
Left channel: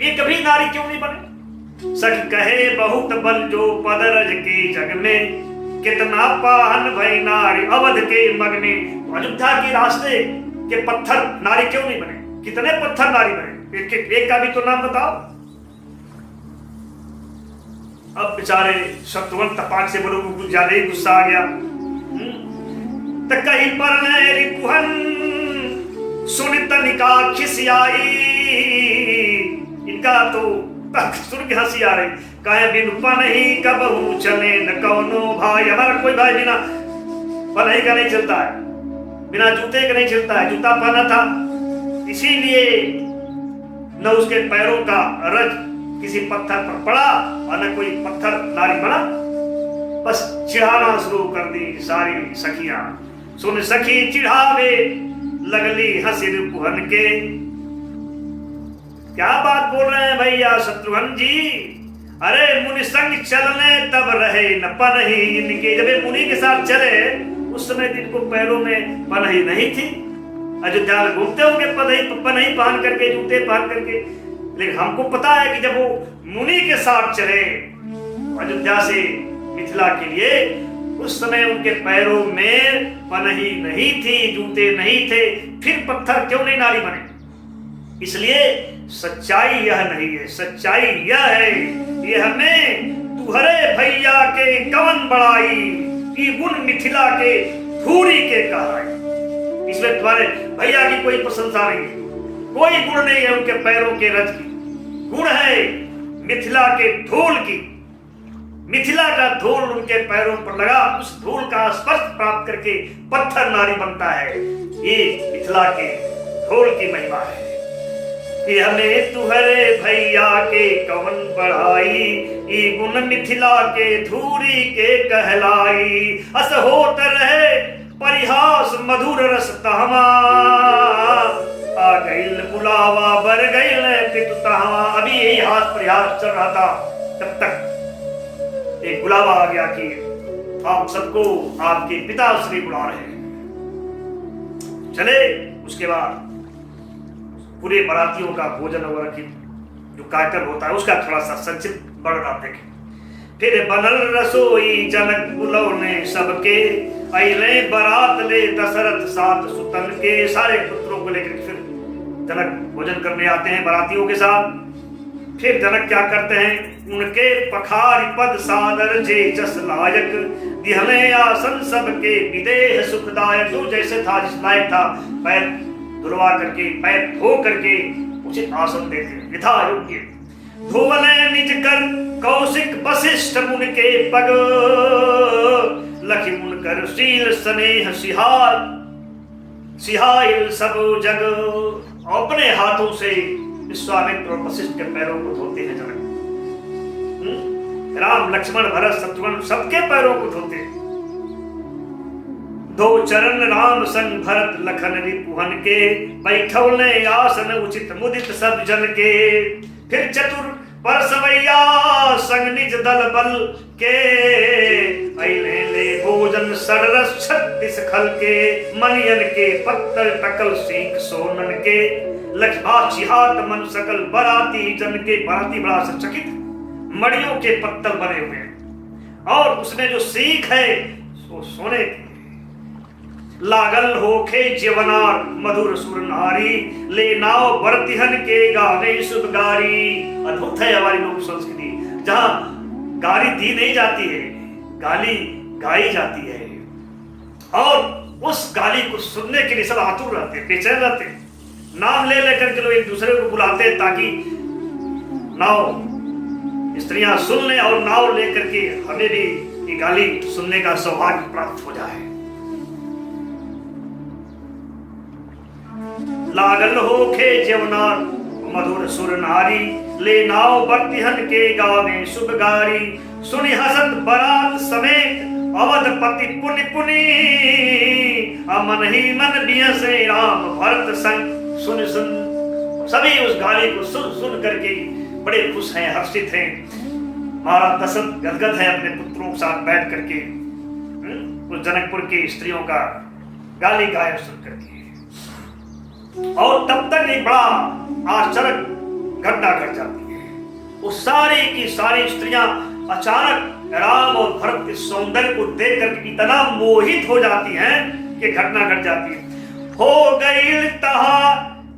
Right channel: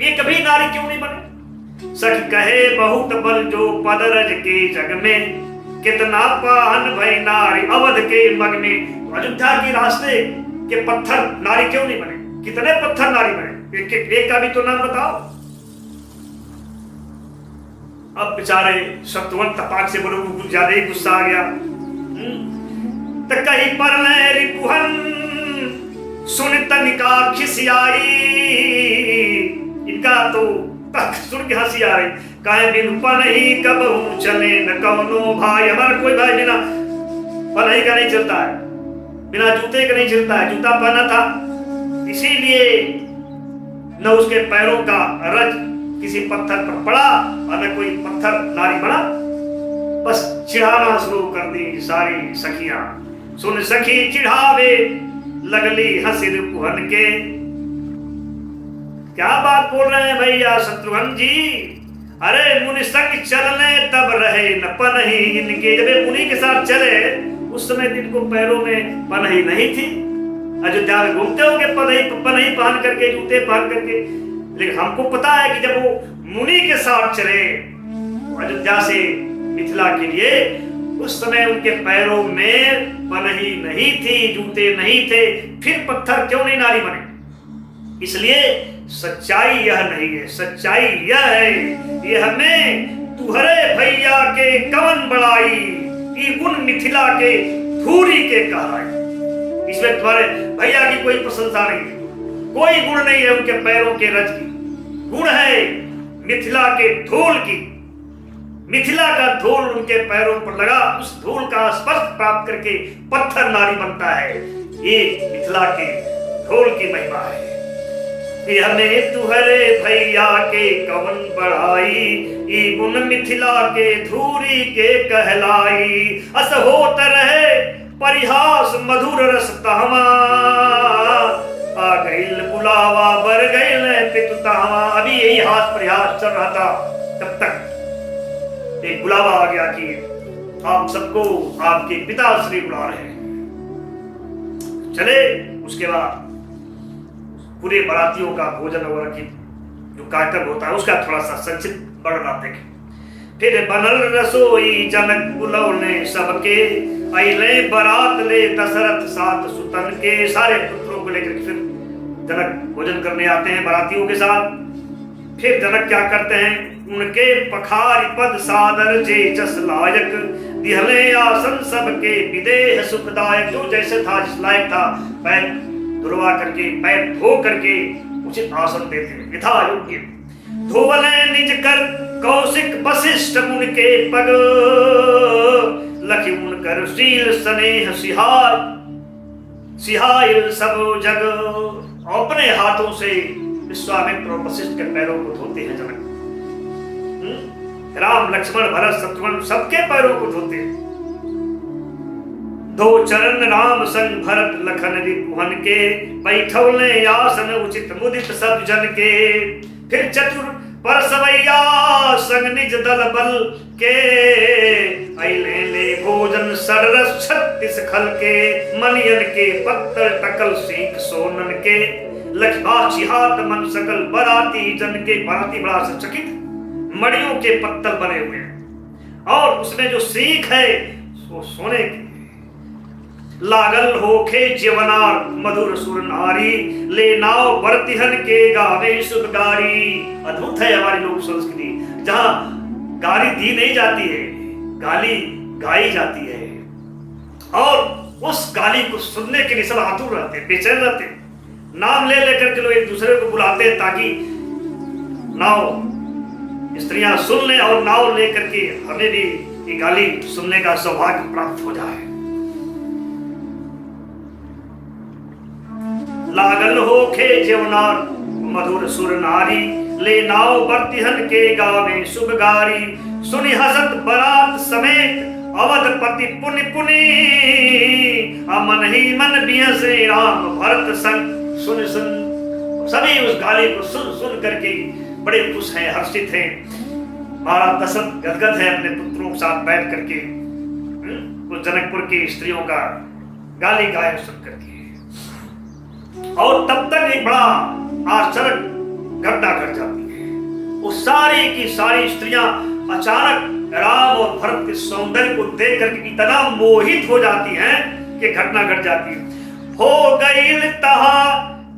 ये कभी नारी क्यों नहीं बने? सखी कहे बहुत बल जो पदरज के जग में, कितना पाहन भय नारी अवध के मग में। अयोध्या के रास्ते के पत्थर नारी क्यों नहीं बने? कितने पत्थर नारी बने? एक का भी तो नाम बताओ। अब बेचारे शत्रुघ्न तपाक से बोलो, ज्यादा ही गुस्सा आ गया। तो कहीं पर रिपुहन सुन तनिका खिसियाई, इनका तो सुन के हंसी आ रही। कहे बिन पनही कबहू चले न कौनो भाई, हमारा कोई भाई बिना पनही का नहीं चलता है, बिना जूते का नहीं चलता है। जूता पहना था, इसीलिए न उसके पैरों का रज किसी पत्थर पर पड़ा और न कोई पत्थर नारी बना। बस चिढ़ाना शुरू कर दी सारी सखियां। सुन सखी चिढ़ावे लगली हंसी रिपुहन के। क्या बात बोल रहे हैं भैया शत्रुघ्न जी? अरे मुनि संग चलने तब रहे न पनही इनके। जब मुनि के साथ चले उस समय इनको पैरों में पनही नहीं थी। अयोध्या में घूमते होंगे पनही पहन करके, जूते पहन करके, लेकिन हमको पता है कि जब वो मुनि के साथ चले अयोध्या से मिथिला के लिए, उस समय उनके पैरों में पनही नहीं थी, जूते नहीं थे, फिर पत्थर क्यों नहीं नारी बने? इसलिए सच्चाई यह नहीं है, सच्चाई यह है, ये हमें तुहरे भैया के कवन बड़ाई, ये गुण मिथिला के धूरी के कहराई। इसमें तुम्हारे भैया की कोई प्रशंसा नहीं है, कोई गुण नहीं है उनके पैरों के रज की, गुण है मिथिला के धूल की। मिथिला का धूल उनके पैरों पर लगा, उस धूल का स्पर्श प्राप्त करके पत्थर नारी बनता है। ये मिथिला के धूल की महिमा है। ये हमें तुहरे भैया के कवन बढ़ाई, ये गुण मिथिला के धूरी के कहलाई। अस होत रहे परिहास मधुर रस तहमा, आ गईल बुलावा बर गईल पितु तहमा। अभी यही हास परिहास चल रहा था, तब तक एक बुलावा आ गया कि आप सबको आपके पिताश्री बुला रहे हैं। चले, उसके बाद पूरे बारातियों का भोजन वगैरह की जो कार्यक्रम होता है उसका थोड़ा सा संक्षिप्त वर्णन आप देखें। फिर बनल रसोई जनक बुलौने सबके, अइले बारात ले दशरथ साथ सुतन के। सारे पुत्रों को लेकर फिर जनक भोजन करने आते हैं बारातियों के साथ। फिर जनक क्या करते हैं, उनके पखारी पद सादर जे जस लायक, दिहले आसन सबके विदेह सुखदायक। जो जैसे था, जिस लायक था, पैर धुलवा करके, पैर धो करके उचित आसन देते हैं यथा योग्य। धोवले निज कर कौशिक वशिष्ठ मुनि के पग, लखि मुनकर शील स्नेह सिहाय सिहाइल सब जग। अपने हाथों से विश्वामित्र और वशिष्ठ के पैरों को धोते हैं जनक। राम लक्ष्मण भरत शत्रुघ्न सबके पैरों को धोते हैं। दो चरण राम संग भरत लखन रिपुहन के, बैठौले आसन उचित मुदित सब जन के। फिर चतुर परसवैया संग निज दल बल के, अइले ले भोजन सररस 36 खल के। मनियन के पत्तल टकल सीख सोनन के, लक्ष्माक्षी हाथ मन सकल बराती जन के। बराती बड़ा चकित, मड़ियों के पत्तल बने हुए हैं और उसमें जो सीख है वो सोने की। लागल होखे जीवनार मधुर सुर नारी, ले नाव बरतिहन के गावे शुभ गारी। अद्भुत है हमारी लोक संस्कृति, जहां गाली दी नहीं जाती है, गाली गाई जाती है। और उस गाली को सुनने के लिए सब आतुर रहते, बेचैन रहते। नाम ले लेकर के लोग एक दूसरे को बुलाते हैं ताकि नाव स्त्रियां सुन लें और नाव लेकर के हमें भी ये गाली सुनने का सौभाग्य प्राप्त हो जाए। लागल होखे जीवनार मधुर सुर नारी, ले नाव बरतिहन के गावे शुभ गारी। सुनि हसत बरात समेत अवधपति पुनि पुनि, अमन ही मन बियसे राम भरत संग। सुन सभी उस गाली को सुन सुन करके बड़े खुश हैं, हर्षित हैं। महाराज दशरथ गदगद है अपने पुत्रों के साथ बैठ करके उस जनकपुर की स्त्रियों का गाली गायन सुन करके। और तब तक एक बड़ा आश्चर्य घटना घट जाती है। वो सारी की सारी स्त्रियां अचानक राम और भरत के सौंदर्य को देख करके इतना मोहित हो जाती हैं कि घटना घट जाती है। हो गई तहा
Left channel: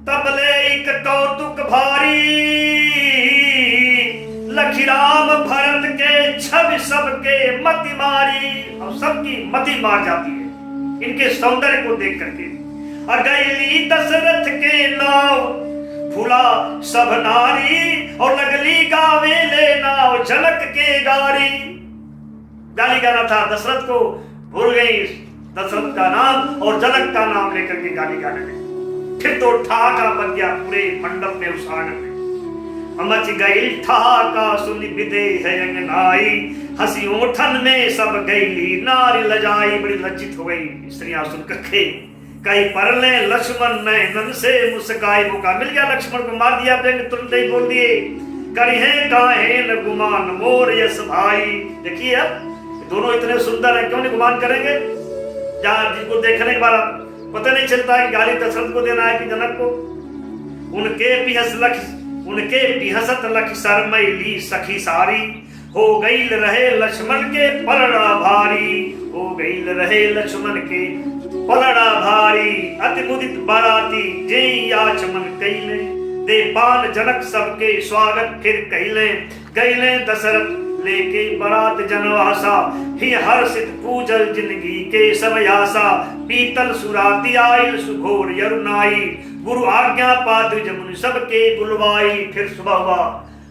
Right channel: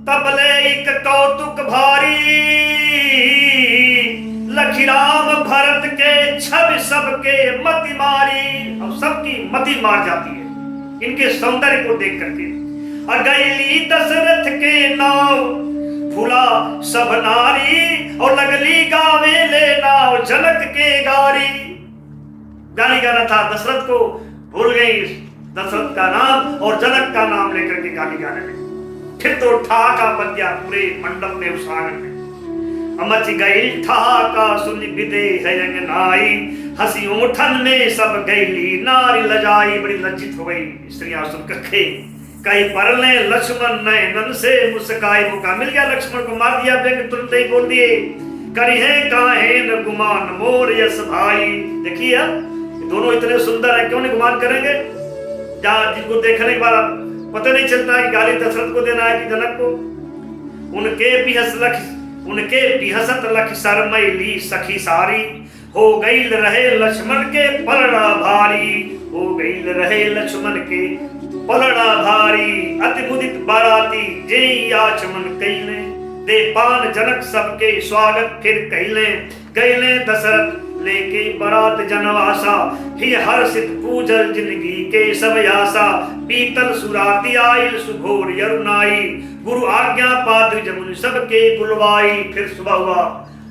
तबले एक कौतुक भारी, लखी राम भरत के छवि सबके मति मारी। और सबकी मति मार जाती है इनके सौंदर्य को देख करके। अगैली दशरथ के नाव भूला सब नारी, और लगली गावे ले नाव जनक के गारी। गाली गाना था दशरथ को, भूल गई दशरथ का नाम और जनक का नाम लेकर के गाली गाने लगी। फिर तो ठहाका बन गया पूरे मंडप में, उस आंगन में। मच गई ठहाका सुन विदेह अंगनाई, हंसी ओठन में सब गईली नारी लजाई। बड़ी लज्जित हो गई स्त्रियां सुनकर के। कई परले लक्ष्मण नयनन से मुस्काई। मौका मिल गया, लक्ष्मण को मार दिया, व्यंग तुरंत ही बोल दिए, करिहे काहे न गुमान मोर यश भाई। देखिए अब दोनों इतने सुंदर हैं, क्यों नहीं गुमान करेंगे? जहाँ जिनको देखने के बाद पता नहीं चलता है कि गाली दशरथ को देना है कि जनक को। उनके बिहसत लख शरमैली सखी सारी, हो गई रहे लक्ष्मण के पलड़ा भारी। हो गई रहे लक्ष्मण के पलड़ा भारी, अति मुदित बाराती जे आचमन कैले, दे पान जनक सबके स्वागत फिर कैले, गैले दशरथ लेके बरात जनवासा, ही हर्षित पूजल जिंदगी के सब आशा, पीतल सुराती आयल सुघोर यरुनाई, गुरु आज्ञा पाद जमुन सबके बुलवाई। फिर सुबह हुआ,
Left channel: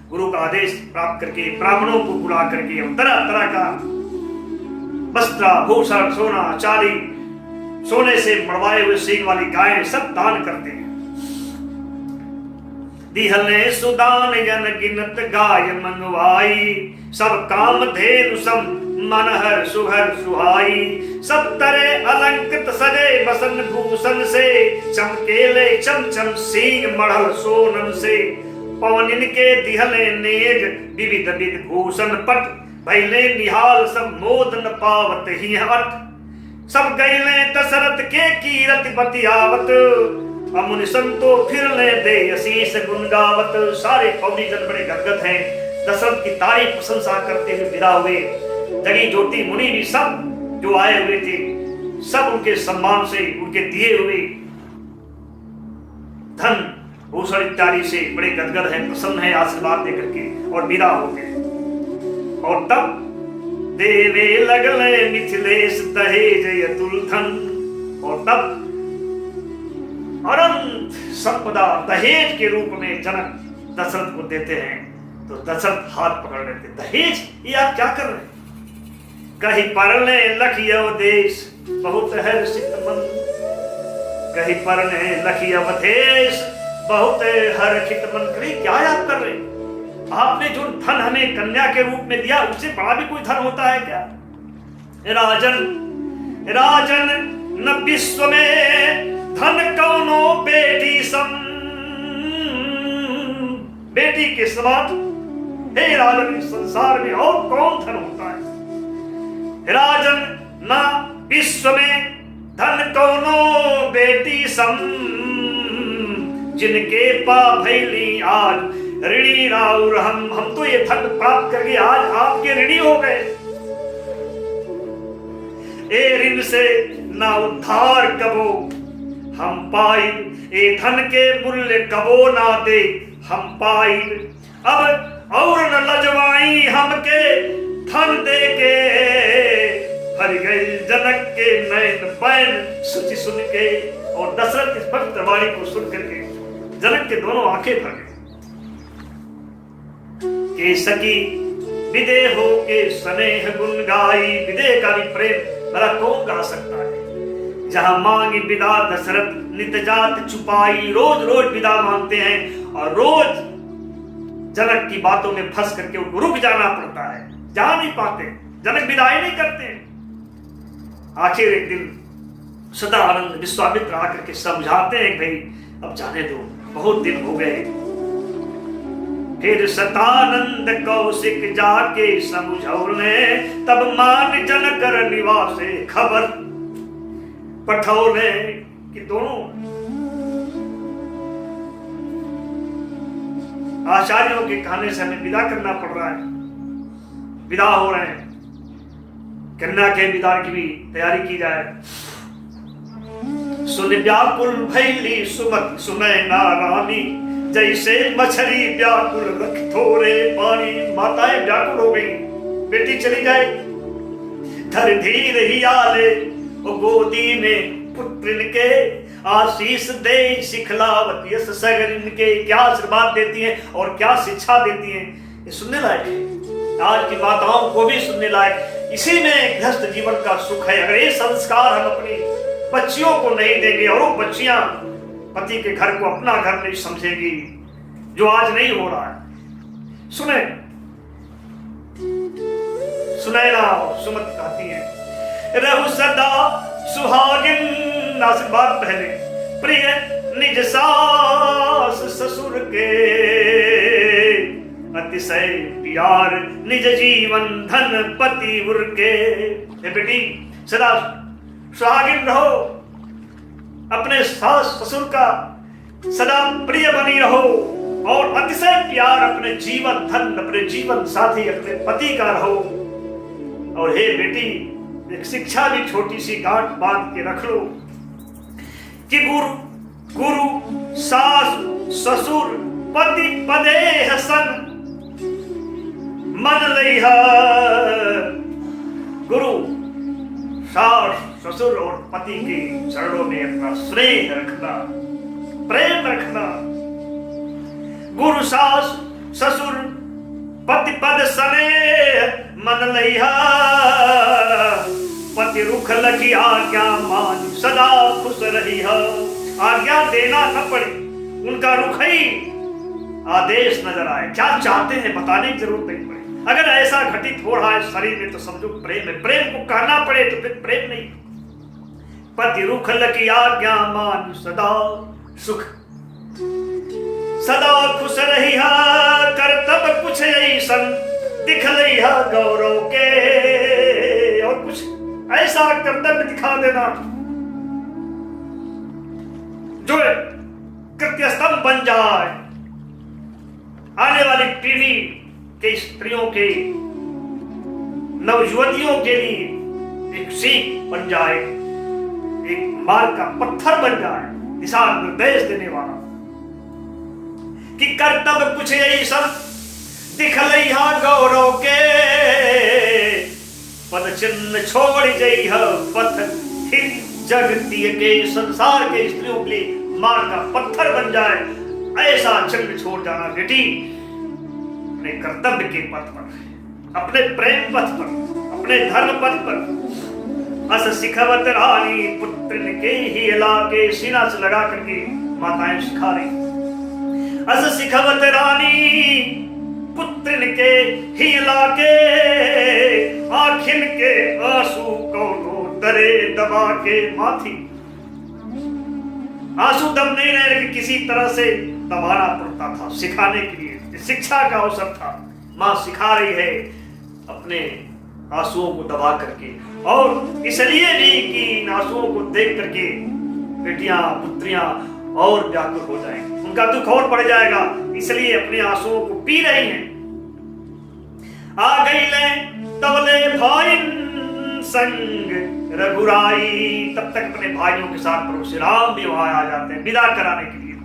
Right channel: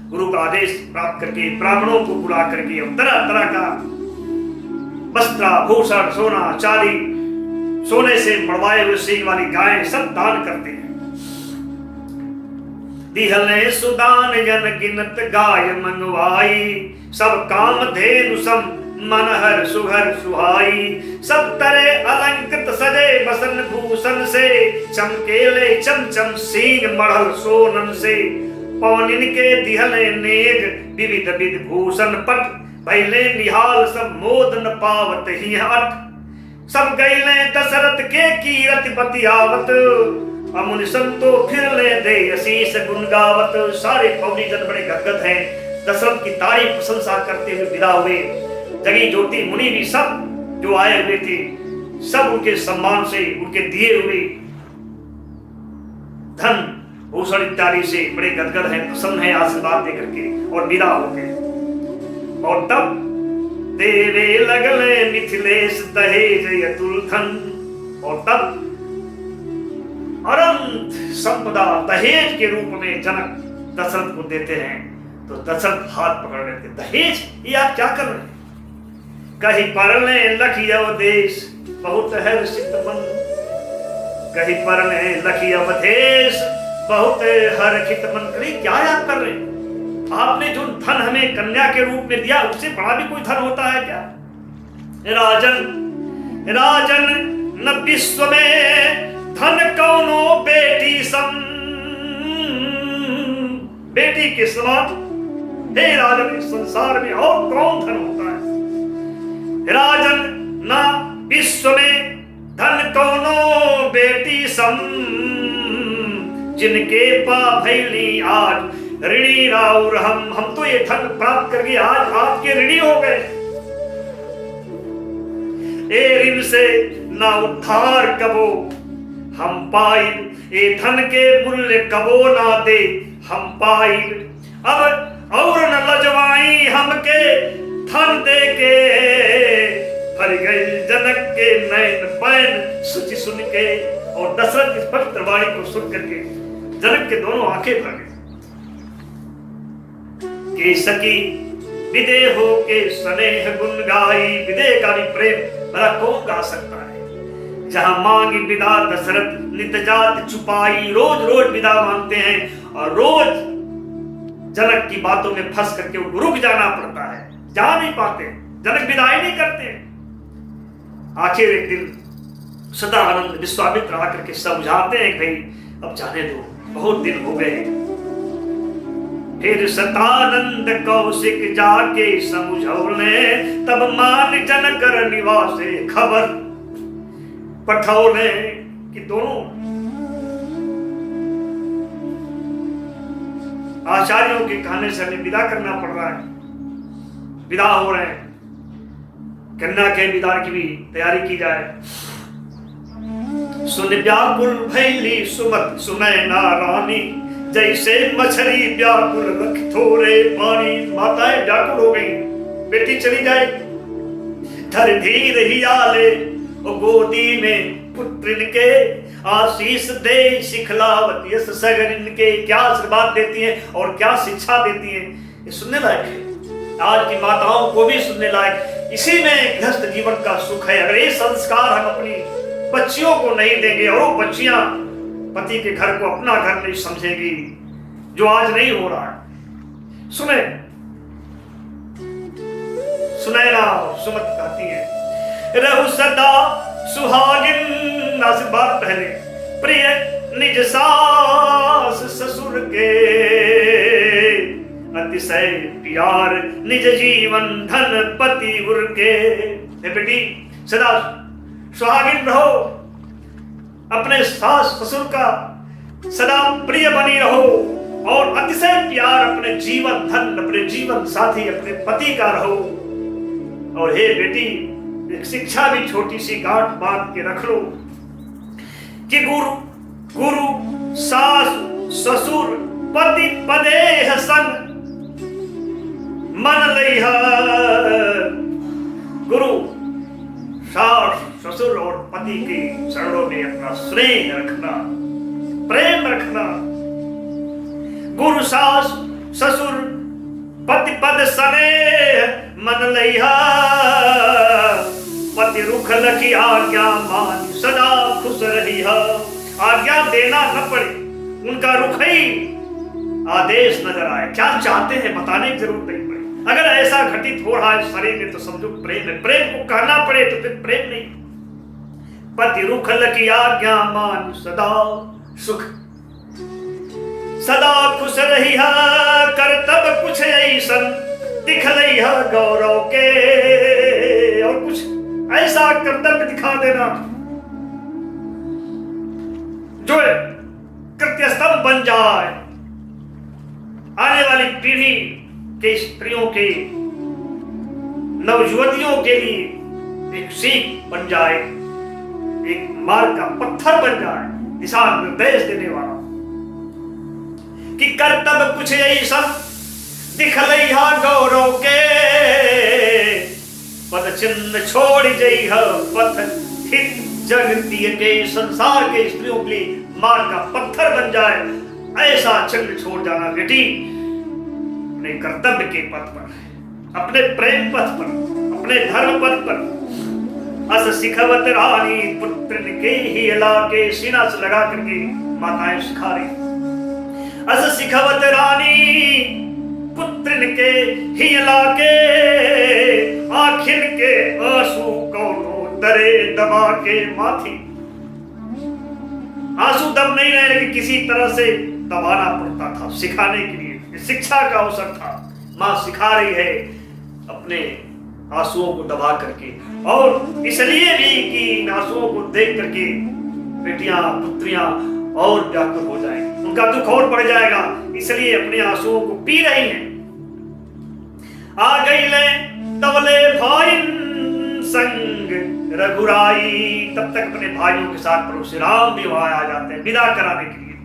गुरु का आदेश प्राप्त करके ब्राह्मणों को बुला करके तरह तरह का वस्त्र भूषण सोना चांदी, सोने से मड़वाए हुए सींग वाली गायें सब दान करते हैं। दिहले सुदान जन गिनत गाय मंगवाई, सब काम धेनु सम मनहर सुहर सुहाई, सब तरह अलंकृत सजे बसन भूषण से, चमकेले चमचम सींग मढ़ल सोनन से, पौनिन के दिहले नेग विविध विभूषण पट, पहले निहाल सब मोद न पावत ही अट, सब गैले दशरथ के कीरति बतियावत, अमुनि संतो फिर ले दे असीस गुण गावत। सारे पौनी जन बड़े गदगद हैं, दशरथ की तारीफ प्रशंसा करते हुए विदा हुए। जगी ज्योति मुनि भी सब जो आए हुए थे, सब उनके सम्मान से, उनके दिए हुए धन भूषण इत्यादि से बड़े गदगद हैं, प्रसन्न हैं आशीर्वाद देकर के, और विदा हो गए। और तब देवे लगले मिथिलेश दहेज अतुल धन, और तब अनंत संपदा दहेज के रूप में जनक दशरथ को देते हैं। तो दशरथ हाथ पकड़ लेते, दहेज ये आप क्या कर रहे हैं? कहीं परने लखियो देश बहुत हर्षित मन, कहीं परने लखियो देश बहुत हर्षित मन। कहीं क्या आप कर रहे हैं? आपने जो धन हमें कन्या के रूप में दिया, उससे बड़ा भी कोई धन होता है क्या? राजन राजन न विश्व में धन कौनो बेटी सम, बेटी के समान हे राजन इस संसार में और कौन धन होता है? राजन न विश्व में धन कौनो बेटी सम, जिनके पा भैली आज ऋणी राउर हम तो ये धन प्राप्त करके आज आपके ऋणी हो गए। ए ऋण से ना उद्धार कबो हम पाइब, ए धन के मूल्य कबो ना दे हम पाइब, अब और न लजवाई हमके धन दे के, भर गए जनक के नैन बैन सुचि सुन के। और दशरथ की स्पष्ट वाणी को सुन करके जनक के दोनों आंखें भर गई। के सकी विदेह हो के स्नेह गुण गाई, विदेह का भी प्रेम भला कौन गा सकता है? जहां मांगी विदा दशरथ नित जात छुपाई, रोज रोज विदा मांगते हैं और रोज जनक की बातों में फंस करके उनको रुक जाना पड़ता है, जा नहीं पाते, जनक विदाई नहीं करते। आखिर एक दिन सदानंद विश्वामित्र आकर के समझाते हैं कि भाई अब जाने दो, बहुत दिन हो गए। फिर सतानंद कौशिक जाके समझौले, तब मान जनकर निवासे खबर पठौले कि दोनों आचार्यों के कहने से हमें विदा करना पड़ रहा है, विदा हो रहे हैं, कन्या के विदा की भी तैयारी की जाए। सुन व्याकुल भैली सुमत सुनैना रानी, जैसे मछली व्याकुल रख थोड़े पानी। माताएं व्याकुल हो गई, बेटी चली जाएगी। धर धीर ही आले गोदी में पुत्र के, आशीष दे सिखलावत यस सगर इनके। क्या आशीर्वाद देती हैं और क्या शिक्षा देती हैं, ये सुनने लायक है। आज की माताओं को भी सुनने लायक। इसी में गृहस्थ जीवन का सुख है। अगर ये संस्कार हम अपनी बच्चियों को नहीं देंगे और वो बच्चियां पति के घर को अपना घर नहीं समझेगी, जो आज नहीं हो रहा है। सुने सुनैना सुमत कहती है, रहु सदा सुहागिन आशीर्वाद पहले, प्रिय निज सास ससुर के, अतिशय प्यार निज जीवन धन पति उर के। बेटी सदा सुहागिन रहो, अपने सास ससुर का सदा प्रिय बनी रहो, और अतिशय प्यार अपने जीवन धन, अपने जीवन साथी, अपने पति का रहो। और हे बेटी एक शिक्षा भी छोटी सी गांठ बांध के रख लो कि गुरु सास ससुर पति पदेह सन मन लइहा। गुरु सास ससुर और पति के चरणों में अपना स्नेह रखना, प्रेम रखना। गुरु सास ससुर पति पद सने मन लइहा। पति रुख लखी आज्ञा मान सदा खुश रही। आज्ञा देना न पड़े, उनका रुख ही आदेश नजर आए। क्या चाहते हैं बताने की जरूरत नहीं पड़े। अगर ऐसा घटित हो रहा है शरीर में तो समझो प्रेम है। प्रेम को कहना पड़े तो फिर प्रेम नहीं। पति रुख लखी आज्ञा मान सदा सुख, सदा खुश रही। कर तब कुछ ऐसन दिख रही गौरव के। और कुछ ऐसा कर्तव्य दिखा देना जो कृत्य स्तंभ बन जाए, आने वाली पीढ़ी के स्त्रियों के, नवयुवतियों के लिए एक सीख बन जाए, एक मार्ग का पत्थर बन जाए, दिशा निर्देश देने वाला। कि कर्तव्य कुछ ऐसा दिखलैहा गौरव के। पद चिन्ह छोड़ जइह पथ हित जगतीय के। संसार के स्त्रियों के लिए मार्ग का पत्थर बन जाए, ऐसा चिन्ह छोड़ जाना बेटी। अपने कर्तव्य के पथ पर, अपने प्रेम पथ पर, अपने धर्म पथ पर। अस सिखवत रानी पुत्र के ही इलाके। सीना से लगा करके माताएं सिखा रही। अस सिखवत रानी पुत्र के ही इलाके। आखिन के आंसू कौनो तरे दबा के माथी। आंसू दब नहीं रहे लेकिन किसी तरह से दबाना पड़ता था सिखाने के लिए। शिक्षा का अवसर था। मां सिखा रही है अपने आंसुओं को दबा करके, और इसलिए भी कि इन आंसुओं को देख करके बेटियां पुत्रियां और व्याकुल हो जाएंगी, उनका दुख और बढ़ जाएगा। इसलिए अपने आंसुओं को पी रही हैं। आ गई ले तवले भाई संग रघुराई। तब तक अपने भाइयों के साथ प्रभु श्री राम भी वहां आ जाते हैं विदा कराने के लिए।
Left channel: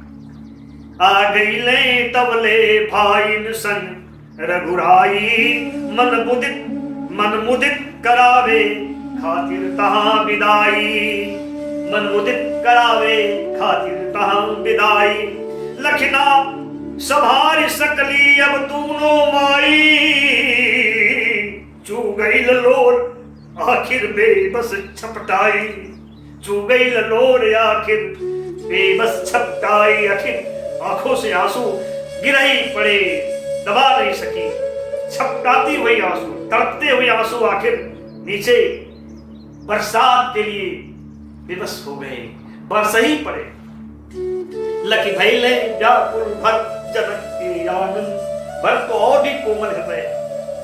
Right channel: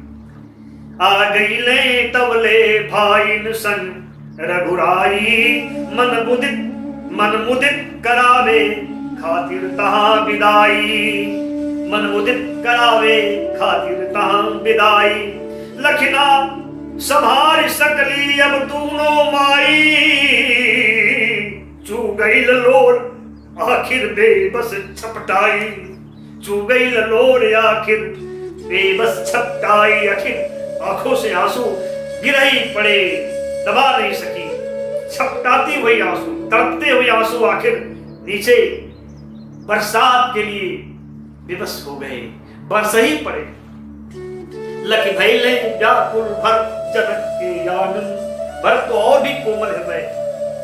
आ गई ले तवले भाई संग रघुराई। मन मुदित करावे खातिर तहां विदाई। मन मुदित करावे खातिर तहां विदाई। लखना सभार सकली अब दूनो माई। चू गई लोर आखिर बेबस छपटाई। चू गई लोर आखिर बेबस छपटाई। आखिर आंखों से आंसू गिर ही पड़े, दबा नहीं सकी। छपटाती हुई आंसू, तड़पते हुए आंसू आखिर नीचे बरसात के लिए विवश हो गए, बरस ही पड़े। लखी भैले व्याकुल भर जनक के आंगन। भरत तो और भी कोमल हृदय,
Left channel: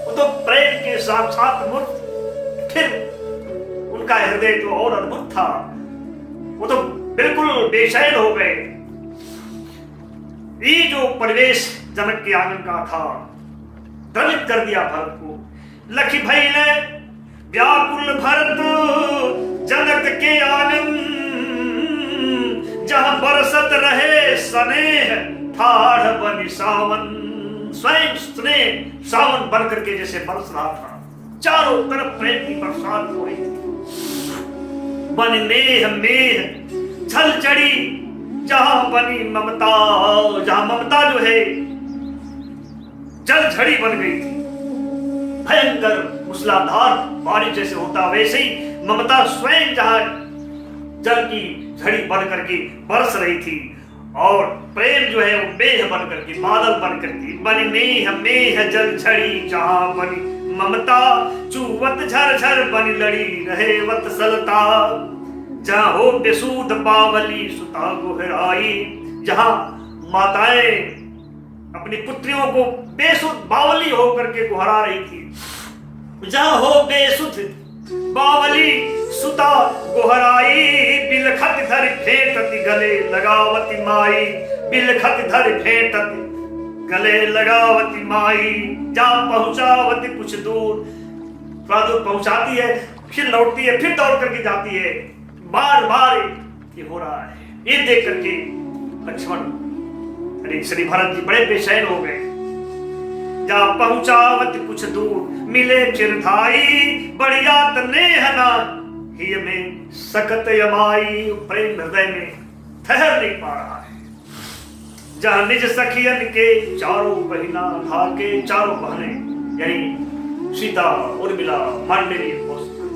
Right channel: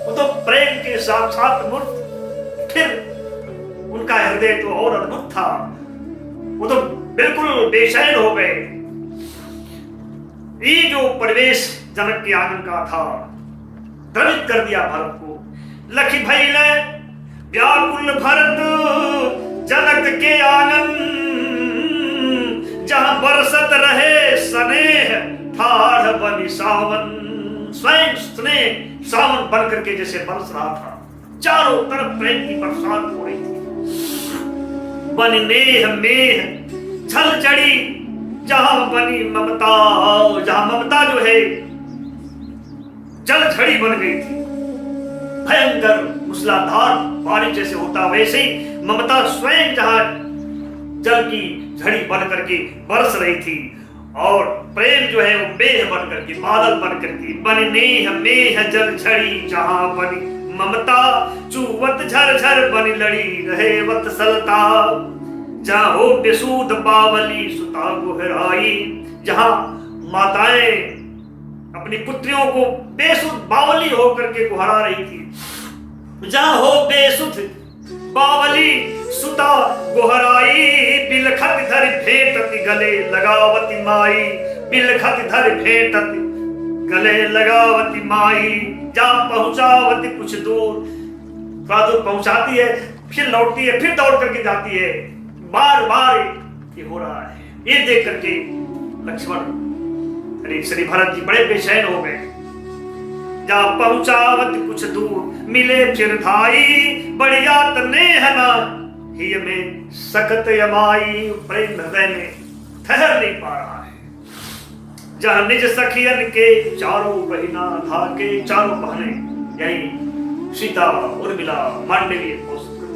वो तो प्रेम के साक्षात मूर्त। फिर उनका हृदय तो और अद्भुत था, वो तो बिल्कुल बेचैन हो गए। ये जो परिवेश जनक के आंगन का था द्रवित कर दिया भरत को। लखी भैले व्याकुल भरत जनक के आंगन। जहां बरसत रहे स्नेह ठाढ़ बनी सावन। स्वयं स्नेह सावन बन करके जैसे बरस रहा था, चारों तरफ प्रेम की बरसात हो रही थी। बन नेह मेह झल चढ़ी जहां बनी ममता। जहां ममता जो है जल झड़ी बन गई थी, भयंकर मूसलाधार बारिश जैसे होता वैसे ही ममता स्वयं जहां जल की झड़ी बन करके बरस रही थी। और प्रेम जो है वो मेह बन करके, बादल बन करके। बन नेह मेह जल झड़ी जहां बनी ममता। चूवत झरझर बन लड़ी रहे वत्सलता। जहां हो बेसूद बावली सुता गुहराई। जहां माताएं अपनी पुत्रियों को बेसुध बावली होकर के गुहरा रही थी। जहां हो बेसुध बावली सुता गुहराई। बिलखत धर भेंटति गले लगावती माई। बिलखत धर भेंटति गले लगावती माई। जा पहुंचावती कुछ दूर, थोड़ा दूर पहुंचाती है फिर लौटती है, फिर दौड़ करके जाती है। बार बार ये हो रहा है। ये देख करके लक्ष्मण अरे श्री भरत जी बड़े बेचैन हो गए। जा पहुंचावत कुछ दूर मिले फिर धाई, बढ़िया तने है ना ही में सकत यमाई। प्रेम हृदय में ठहर नहीं पा रहा है। जहां निज सखियन के चारों बहिना था के, चारों बहने यानी सीता, उर्मिला, मांडवी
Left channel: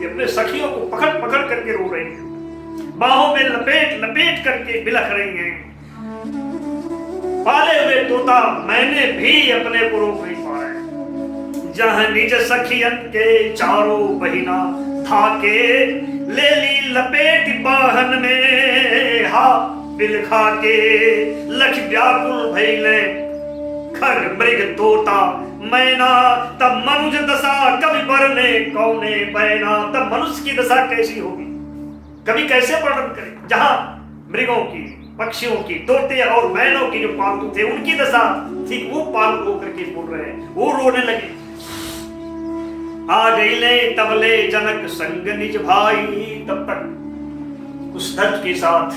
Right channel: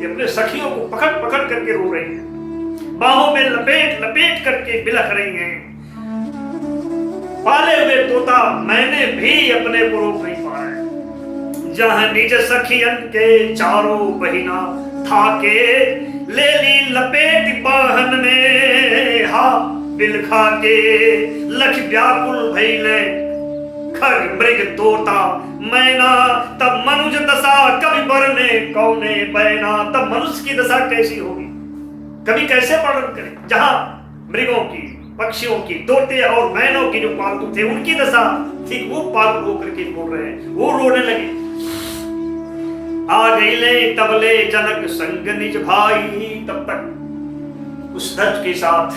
अपने सखियों को पकड़ पकड़ करके रो रही हैं, बाहों में लपेट लपेट करके बिलख रही हैं। पाले हुए तोता मैंने भी अपने को रोक नहीं पाया। जहां निज सखियन के चारों बहिना था के, ले ली लपेट बाहन में हा बिलखा के। लख व्याकुल भइले खग मृग तोता मैना, तब मनुज दशा कभी बरने कौने बैना। तब मनुष्य की दशा कैसी होगी, कभी कैसे वर्णन करें। जहां मृगों की, पक्षियों की, तोते और मैनों की जो पालतू थे उनकी दशा ठीक वो पालतू होकर के बोल रहे हैं, वो रोने लगे। आ गई ले तबले जनक संग निज भाई। तब तक उस धज के साथ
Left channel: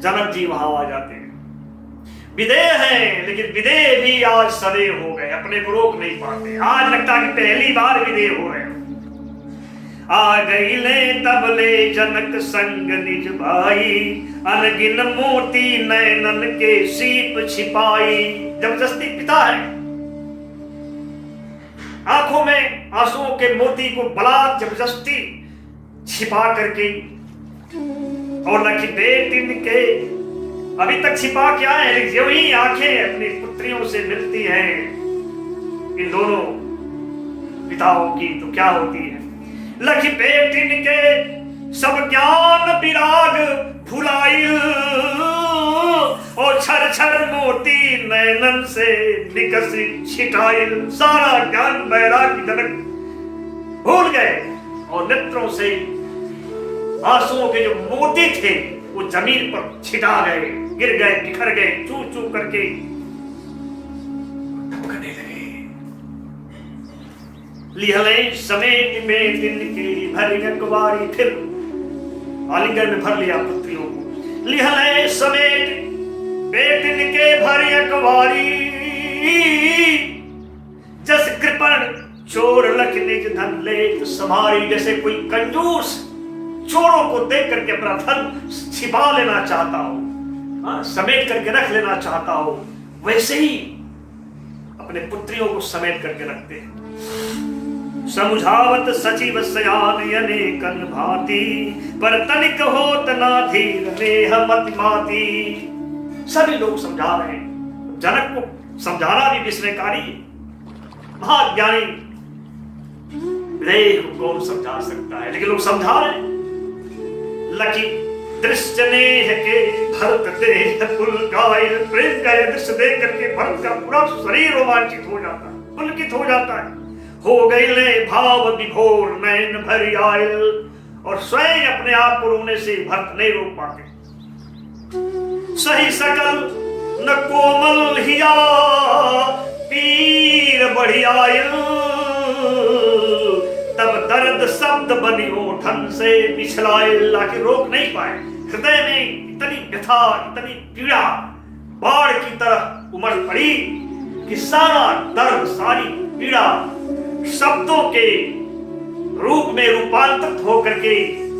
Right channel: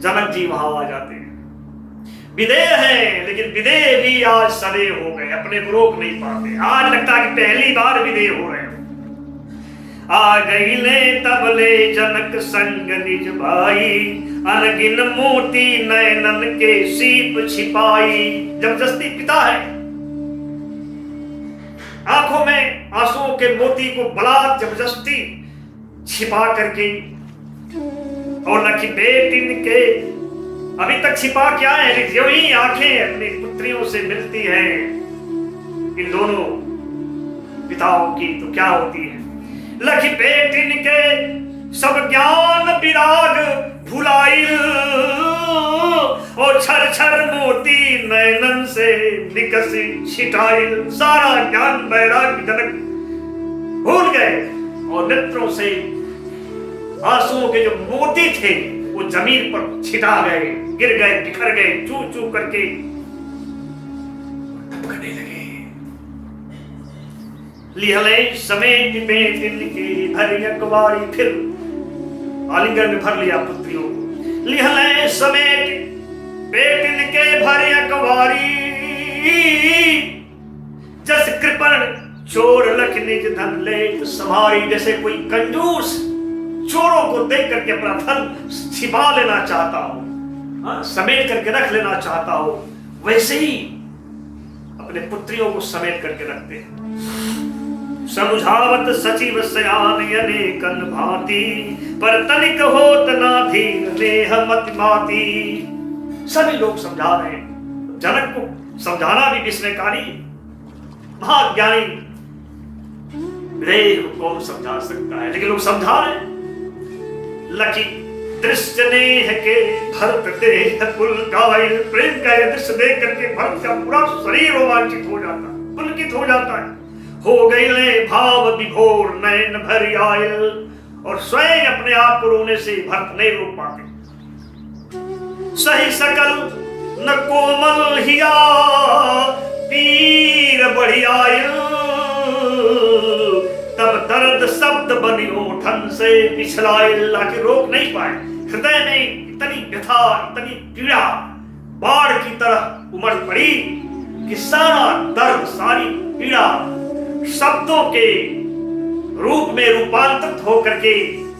जनक जी वहां आ जाते हैं। विदेह हैं, लेकिन विदेह भी आज सदैव हो गए, अपने को रोक नहीं पाते। आज लगता है कि पहली बार विदेह हो रहे हैं। आ गई ले तबले जनक संग निज भाई, अनगिन मोती नैनन के सीप छिपाई। जबरदस्ती पिता है, आंखों में आंसुओं के मोती को बलात् जबरदस्ती छिपा करके, और लखी बेटिन के अभी तक छिपा क्या है, लेकिन जो ही आंखें अपनी पुत्रियों से मिलती हैं इन दोनों पिताओं की, तो क्या होती है। लखी बेटिन के सब ज्ञान विराग भुलाइल, और छर छर मोती नैनन से निकसी छिटाइल। सारा ज्ञान वैराग्य जनक भूल गए, और नेत्रों से आंसुओं के जो मोती थे वो जमीन पर छिटा गए, गिर गए, बिखर गए, चू चू करके टपकने लगे। लिहले समेट बेटिन की भरी अकबारी, फिर आलिंगन में भर लिया पुत्रियों को। लिहले समेट बेटिन के भरी अकबारी, जस कृपण चोर लख निज धन ले समारी। जैसे कोई कंजूस चोरों को देख करके अपना धन छिपा लेना चाहता हो, समेट करके रख लेना चाहता हो, वैसे ही अपने पुत्रियों को समेट करके रखते हैं। समुझावत सचिव सयान अनेकन भांति, पर तनिक होत ना धीर नेह मति माती। सभी लोग समझा रहे हैं, जनक को समझाना भी विस्मयकारी। महाज्ञानी विदेह को कौन समझा सकता है, लेकिन लोग समझा रहे हैं। लकी दृश्य नेह के भरत देह पुलकाइल। प्रेम का यह दृश्य देख करके भरत का पूरा शरीर रोमांचित हो जाता है, पुलकित हो जाता है। हो गई ले भाव विभोर नयन भरी आयल, और स्वयं अपने आप को रोने से भरत नहीं रोक पाते। सही सकल न कोमल हिया पीर बढ़ी आयल, तब दर्द शब्द बनी ओठन से पिछलाइल। कि रोक नहीं पाए, हृदय में इतनी व्यथा, इतनी पीड़ा बाढ़ की तरह उमड़ पड़ी कि सारा दर्द, सारी पीड़ा शब्दों के रूप में रूपांतरित होकर के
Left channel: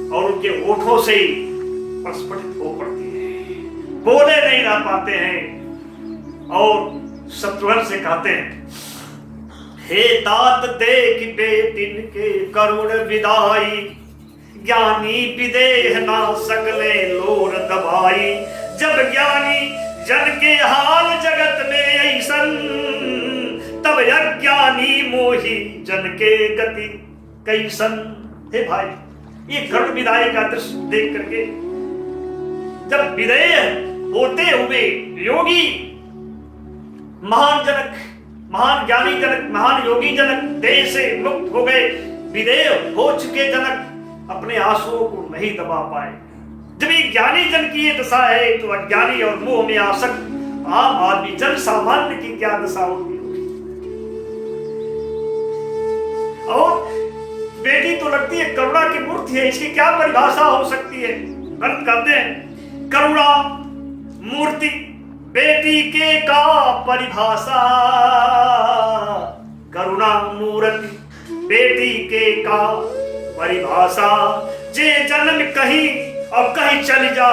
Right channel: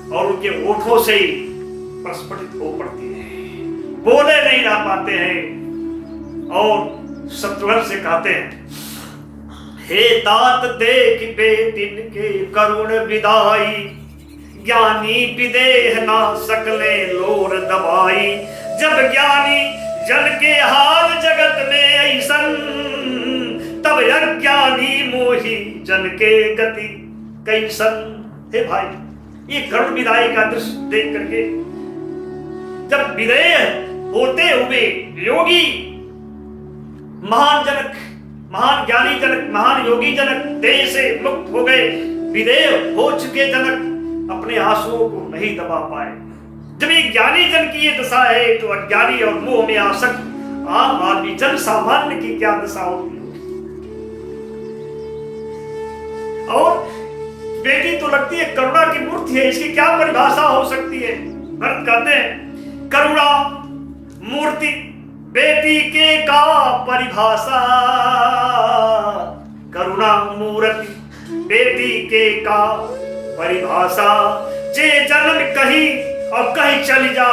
और उनके ओठों से प्रस्फुटित हो पड़ती है। बोले नहीं रह पाते हैं और शत्रुघ्न से कहते हैं, हे तात देख बेटिन के करुण विदाई, ज्ञानी विदेह ना सकले लोर दबाई। जब ज्ञानी जन के हाल जगत में ऐसन, तब अज्ञानी मोही जन के गति कैसन। हे भाई, ये करुण विदाई का दृश्य देख करके जब विदेह होते हुए योगी, महान जनक, महान ज्ञानी जनक, महान योगी जनक देह से मुक्त हो गए, विदेह हो चुके जनक अपने आंसुओं को नहीं दबा पाए। जब ये ज्ञानी जन की ये दशा है, तो अज्ञानी और मोह में आसक्त आम आदमी, जन सामान्य की क्या दशा होगी। और बेटी तो लगती है करुणा की मूर्ति है, इसकी क्या परिभाषा हो सकती है? भरत कहते हैं करुणा मूर्ति बेटी के का परिभाषा, करुणा मूर्ति बेटी के का परिभाषा, जे जन्म कहीं और कहीं चली जा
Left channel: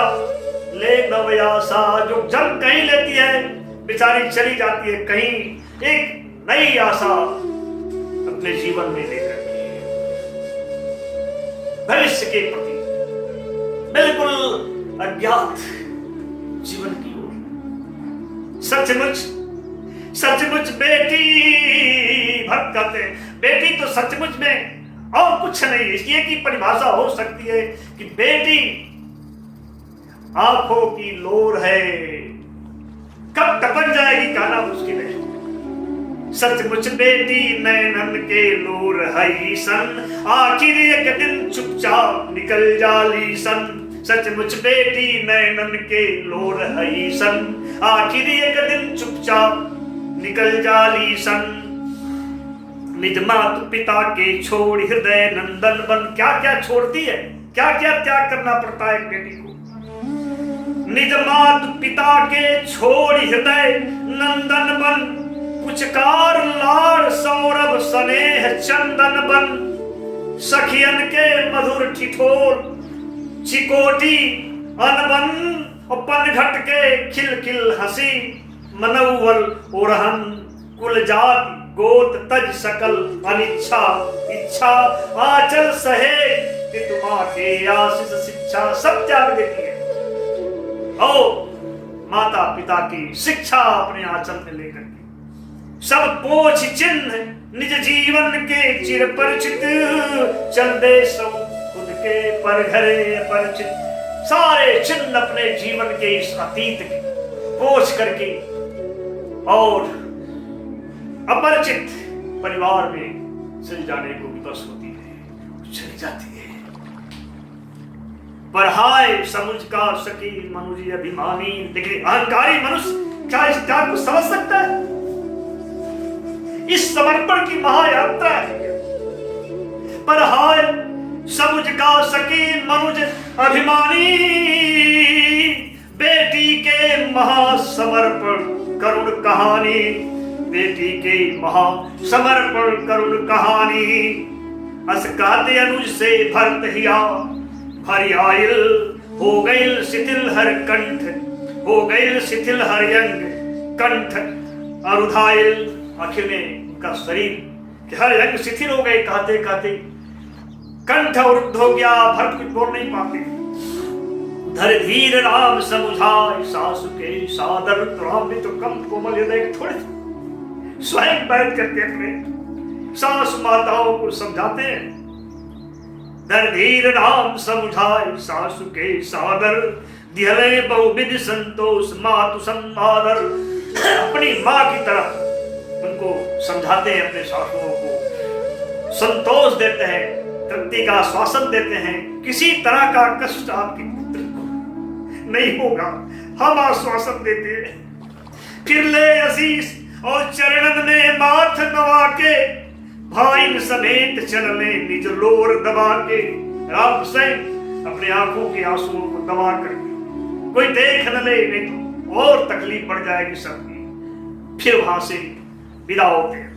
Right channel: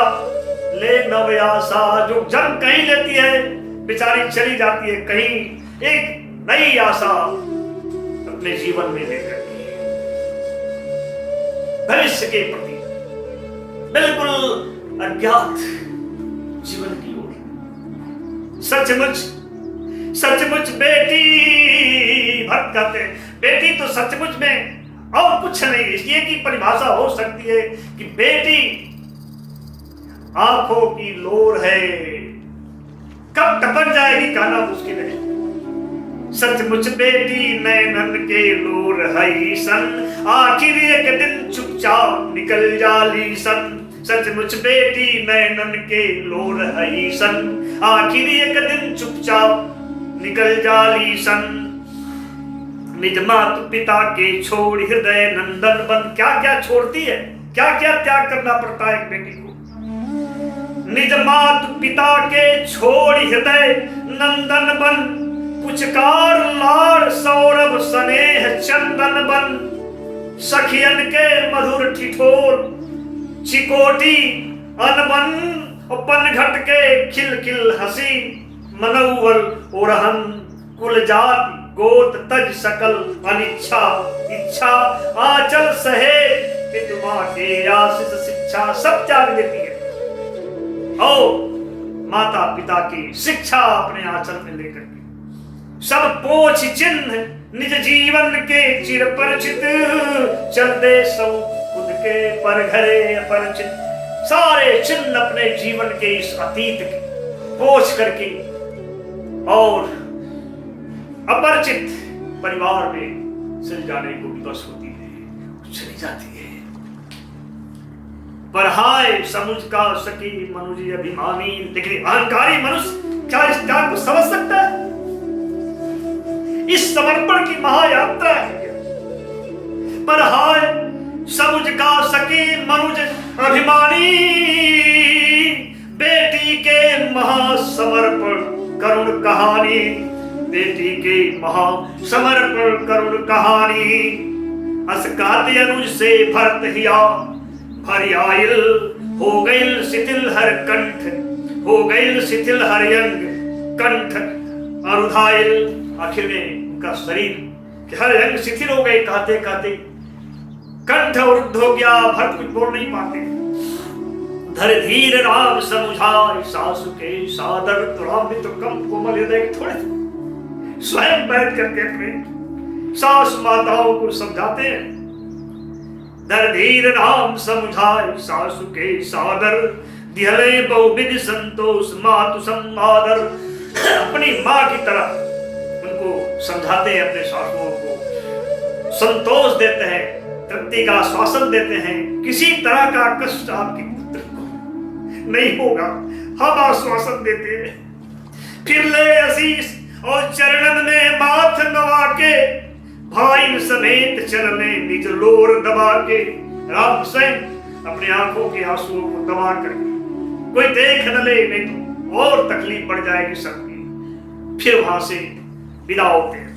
ले नवयासा। जो जन्म कहीं लेती है बेचारी चली जाती है कहीं, एक नई आशा अपने जीवन में लेकर के भविष्य के प्रति बिल्कुल अज्ञात जीवन की ओर। सचमुच बेटी, भक्त कहते हैं बेटी तो सचमुच में और कुछ नहीं, इसलिए की परिभाषा हो सकती है कि बेटी आंखों की लोर है, कब टपक जाएगी कहना मुश्किल है। सचमुच बेटी नैनन के लोर है सन, आखिर एक दिन चुपचाप निकल जाली सन। सचमुच बेटी नैनन के लोर है सन, आखिर एक दिन चुपचाप निकल जाली सन। निज मात पिता के छोड़ हृदय नंदन बन। क्या क्या छोड़ती है, क्या क्या त्याग करना पड़ता है एक बेटी को। निज मात पिता के छोड़ हृदय नंदन बन, पुचकार लाड़ सौरभ स्नेह चंदन बन। सखियन के मधुर ठिठोर चिकोटी अनबन, और पनघट के खिल खिल हंसी। मनौवल ओरहन कुल जाति गोत तज सकल अनिच्छा, इच्छा आंचल सहे पितुमा के आशीष शिक्षा। सब त्याग देती है और माता पिता की शिक्षा अपने आंचल में लेकर के सब पोछ चिन्ह निज जीवन के चिर परिचित। चल दे सौ खुद के पर घरे अपरिचित। सारे चिन्ह अपने जीवन के इस अतीत के पोछ करके और अपरिचित परिवार में चल जाने को विवश होती है, चली जाती है। पर हाय समुझ का सकी मनुष्य अभिमानी। लेकिन अहंकारी मनुष्य क्या इस त्याग को समझ सकता है? इस समर्पण की महायात्रा है। पर हाय समुझ का सकी मनुष्य अभिमानी, बेटी के महासमर्पण करुण कहानी। बेटी के महासमर्पण करुण कहानी। असकाते अनुज से भरत हिया भरी आयल, हो गईल शिथिल हर कंठ, हो गईल शिथिल हर अंग कंठ अरुधायल। आखिर में उनका शरीर के हर अंग शिथिल हो गए, कहते कहते कंठ अवरुद्ध हो गया, भरत कुछ बोल नहीं पाते। धर धीर राम समुझाए सासु के सादर, तो राम भी तो कम कोमल हृदय के थोड़े थे। स्वयं बैठ करके अपने सासु माताओं को समझाते हैं। धर धीर राम समुझाए सासु के सादर, दिहले बहुविध संतोष मातु समादर। अपनी माँ की तरह उनको समझाते हैं, अपने सासुओं को संतोष देते हैं, तृप्ति का आश्वासन देते हैं। किसी तरह का कष्ट आपके पुत्र को नहीं होगा, हम आश्वासन देते हैं। फिर ले आशीष और चरणन में माथ नवा के, भाई समेत चरने निज लोर दबा के। राम स्वयं अपने आंखों के आंसुओं को दबा करके, कोई देख न ले नहीं तो और तकलीफ बढ़ जाएगी सबकी। फिर वहां से विदा होते हैं।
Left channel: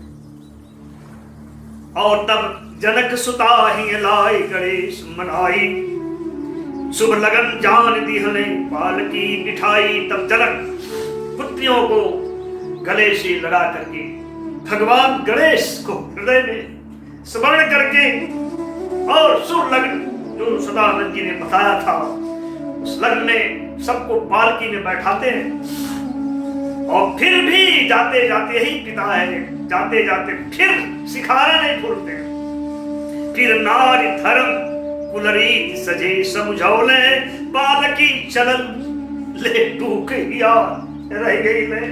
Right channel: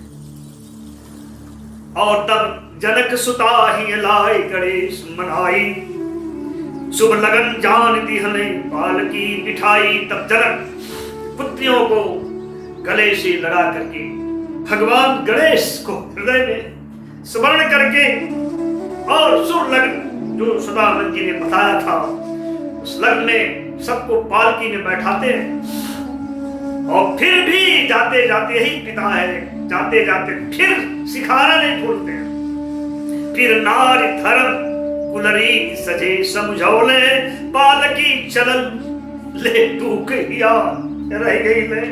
और तब जनक सुता ही लाए गणेश मनाई, शुभ लगन जान दिहले पाल की बिठाई। तब जनक पुत्रियों को गले से लगा करके भगवान गणेश को हृदय में स्मरण करके, और शुभ लगन जो सदानंद जी ने बताया था, उस लगन में सबको पालकी में बैठाते हैं। और फिर भी जाते जाते ही पिता है, जाते जाते फिर सिखाना नहीं भूलते। फिर नारी धर्म कुलरीत सजे समझौले, पालकी चलल ले टूक हिया रह गई ले।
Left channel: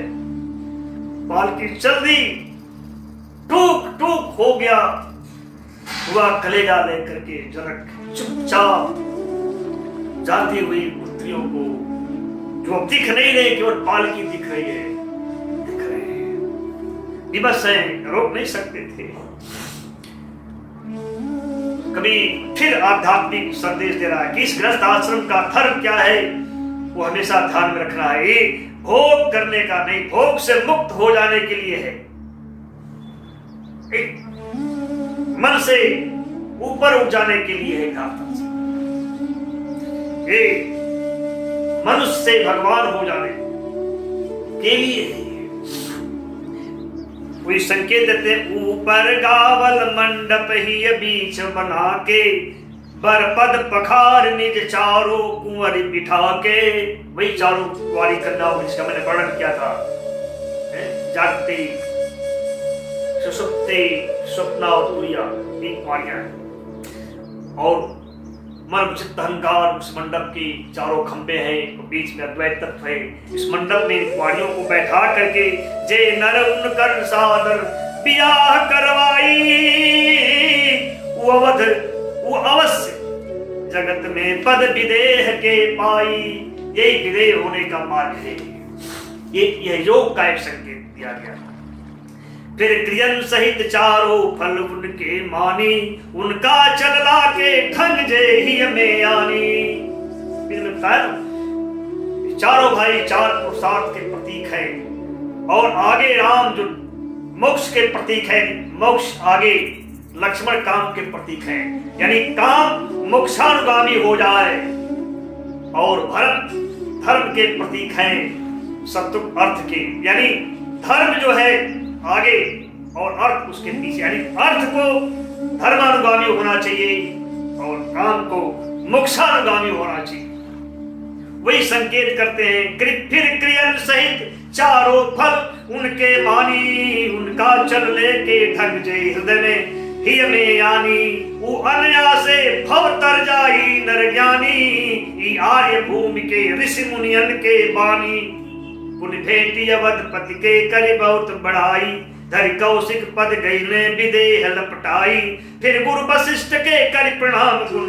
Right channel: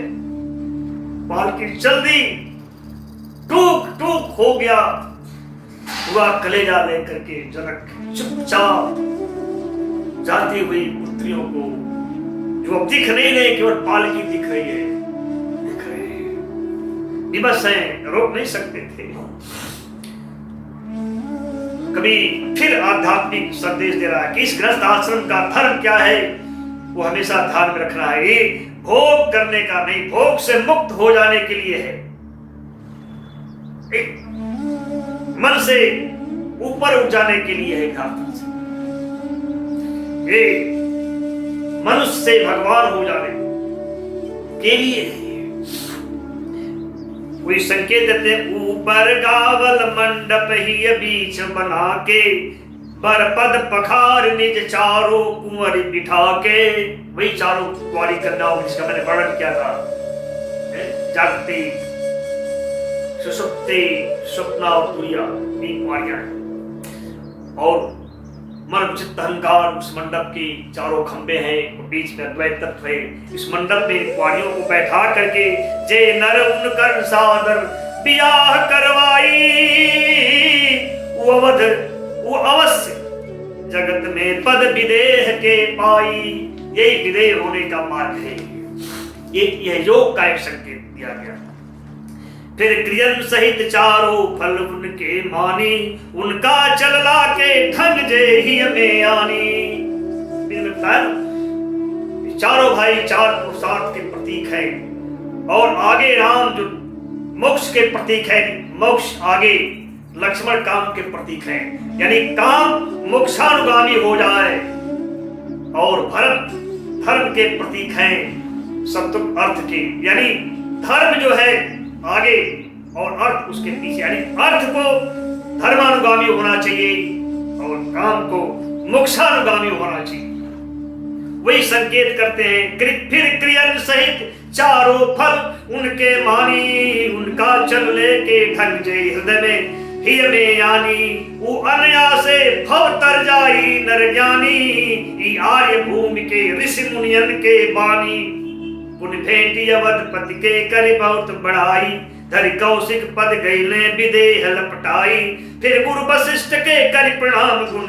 पालकी चल दी, टूक टूक हो गया हुआ कलेजा लेकर के जनक चुपचाप जाती हुई पुत्रियों को, जो अब दिख नहीं रहे, केवल पालकी दिख रही है, दिख रहे हैं, विवश हैं, रोक नहीं सकते थे। कभी फिर आध्यात्मिक संदेश दे रहा है कि इस गृहस्थ आश्रम का धर्म क्या है, वो हमेशा ध्यान में रखना है। ये भोग करने का नहीं, भोग से मुक्त हो जाने के लिए है, एक मन से ऊपर उठ जाने के लिए है। ये मनुष्य से भगवान हो जाने के लिए है। कोई संकेत देते, ऊपर गावल मंडप ही बीच बना के, बरपद पखार निज चारों कुंवर बिठा के। वही चारों कुंवारी कन्याओं जिसका मैंने वर्णन किया था, जागती, सुषुप्ति, स्वप्ना और तुरिया, ये कुंवारियां हैं। और मन चित्त अहंकार उस मंडप की चारों खंबे हैं और बीच में अद्वैत तत्व है। इस मंडप में कुंवारियों को बैठा करके जे नर उनकर सादर बियाह करवाई, वो अवध वो अवश्य जगत में पद विदेह के पाई। यही विदेह होने का मार्ग है। यह योग का एक संकेत दिया गया। फिर क्रियन सहित चारों फल उनके मानी, उनका चलला के ढंग जे ही में आनी। चारों भाई चार पुरुषार्थ के प्रतीक हैं और आगे राम जो मोक्ष के प्रतीक है, मोक्ष आगे लक्ष्मण काम के प्रतीक हैं, यानी काम मोक्षानुगामी हो जाए। और भरत धर्म के प्रतीक हैं, सत्य अर्थ के, यानी धर्म जो है आगे और अर्थ उसके पीछे, यानी अर्थ को धर्मानुगामी होना चाहिए और काम को मोक्षानुगामी होना चाहिए। वही संकेत करते हैं। फिर क्रियन सहित चारों फल उनके मानी, उनका चल ले के ढंग जे हृदय में ही में यानी। वो अनायासे भव तर जाई नर ज्ञानी, आर्य भूमि के ऋषि मुनियन के बानी। पुन भेटी अवधपति के करी बहुत बढ़ाई, धरि कौशिक पद गईले विदेह लपटाई। फिर गुरु वशिष्ठ के करि प्रणाम गुण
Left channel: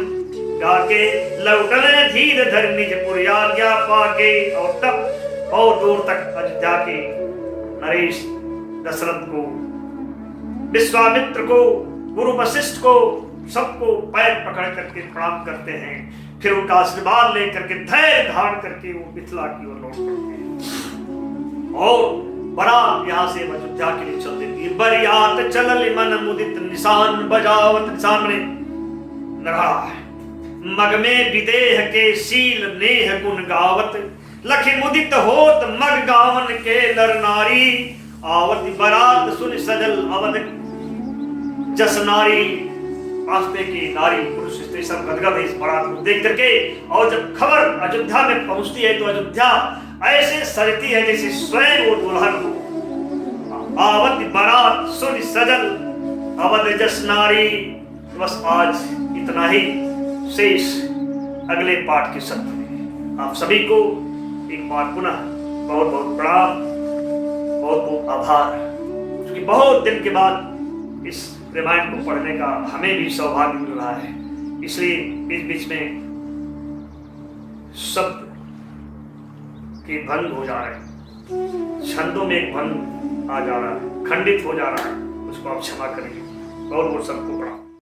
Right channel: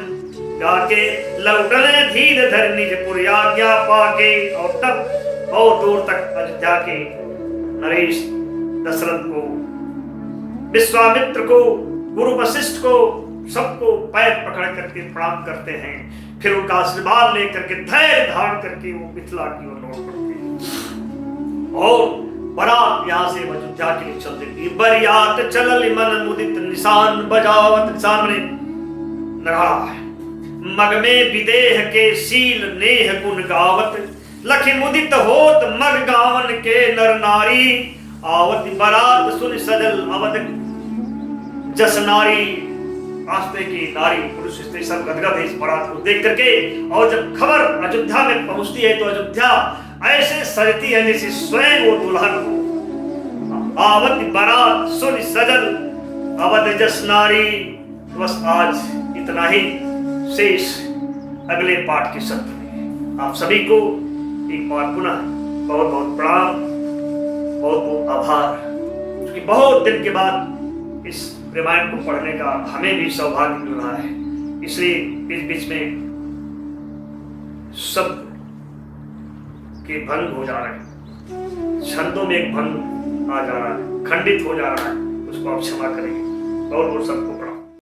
गाके, लौटले धीर धर निज पुर आज्ञा पाके। और तब और दूर तक अयोध्या के नरेश दशरथ को, विश्वामित्र को, गुरु वशिष्ठ को, सबको पैर पकड़ करके प्रणाम करते हैं। फिर उनका आशीर्वाद लेकर के धैर्य धारण करके वो मिथिला की ओर लौट पड़ते हैं और बारात यहाँ से अयोध्या के लिए चल देती है। बरियात चलल मन मुदित निशान बजावत, निशान में नगाड़ा है। मग में विदेह के शील नेह गुण गावत, लखि मुदित होत मग गावन के नर नारी। आवत बारात सुन सजल अवध जस नारी। आस्ते की नारी पुरुष स्त्री सब गदगद है इस बारात को देख करके। और जब खबर अयोध्या में पहुंचती है तो अयोध्या ऐसे सजती है जैसे स्वयं वो दुल्हन हो। आवत बारात सुन सजल अवध जस नारी। बस आज इतना ही शेष अगले पाठ के सत्र में। आप सभी को एक बार पुनः बहुत बहुत प्रणाम, बहुत बहुत आभार, क्योंकि बहुत दिन के बाद इस रामायण को पढ़ने का हमें भी सौभाग्य मिल रहा है। इसलिए बीच बीच में शब्द के भंग हो जा रहे हैं, छंदों में एक भंग आ जा रहा है, खंडित हो जा रहा है, उसको आप क्षमा करेंगे। बहुत बहुत सबको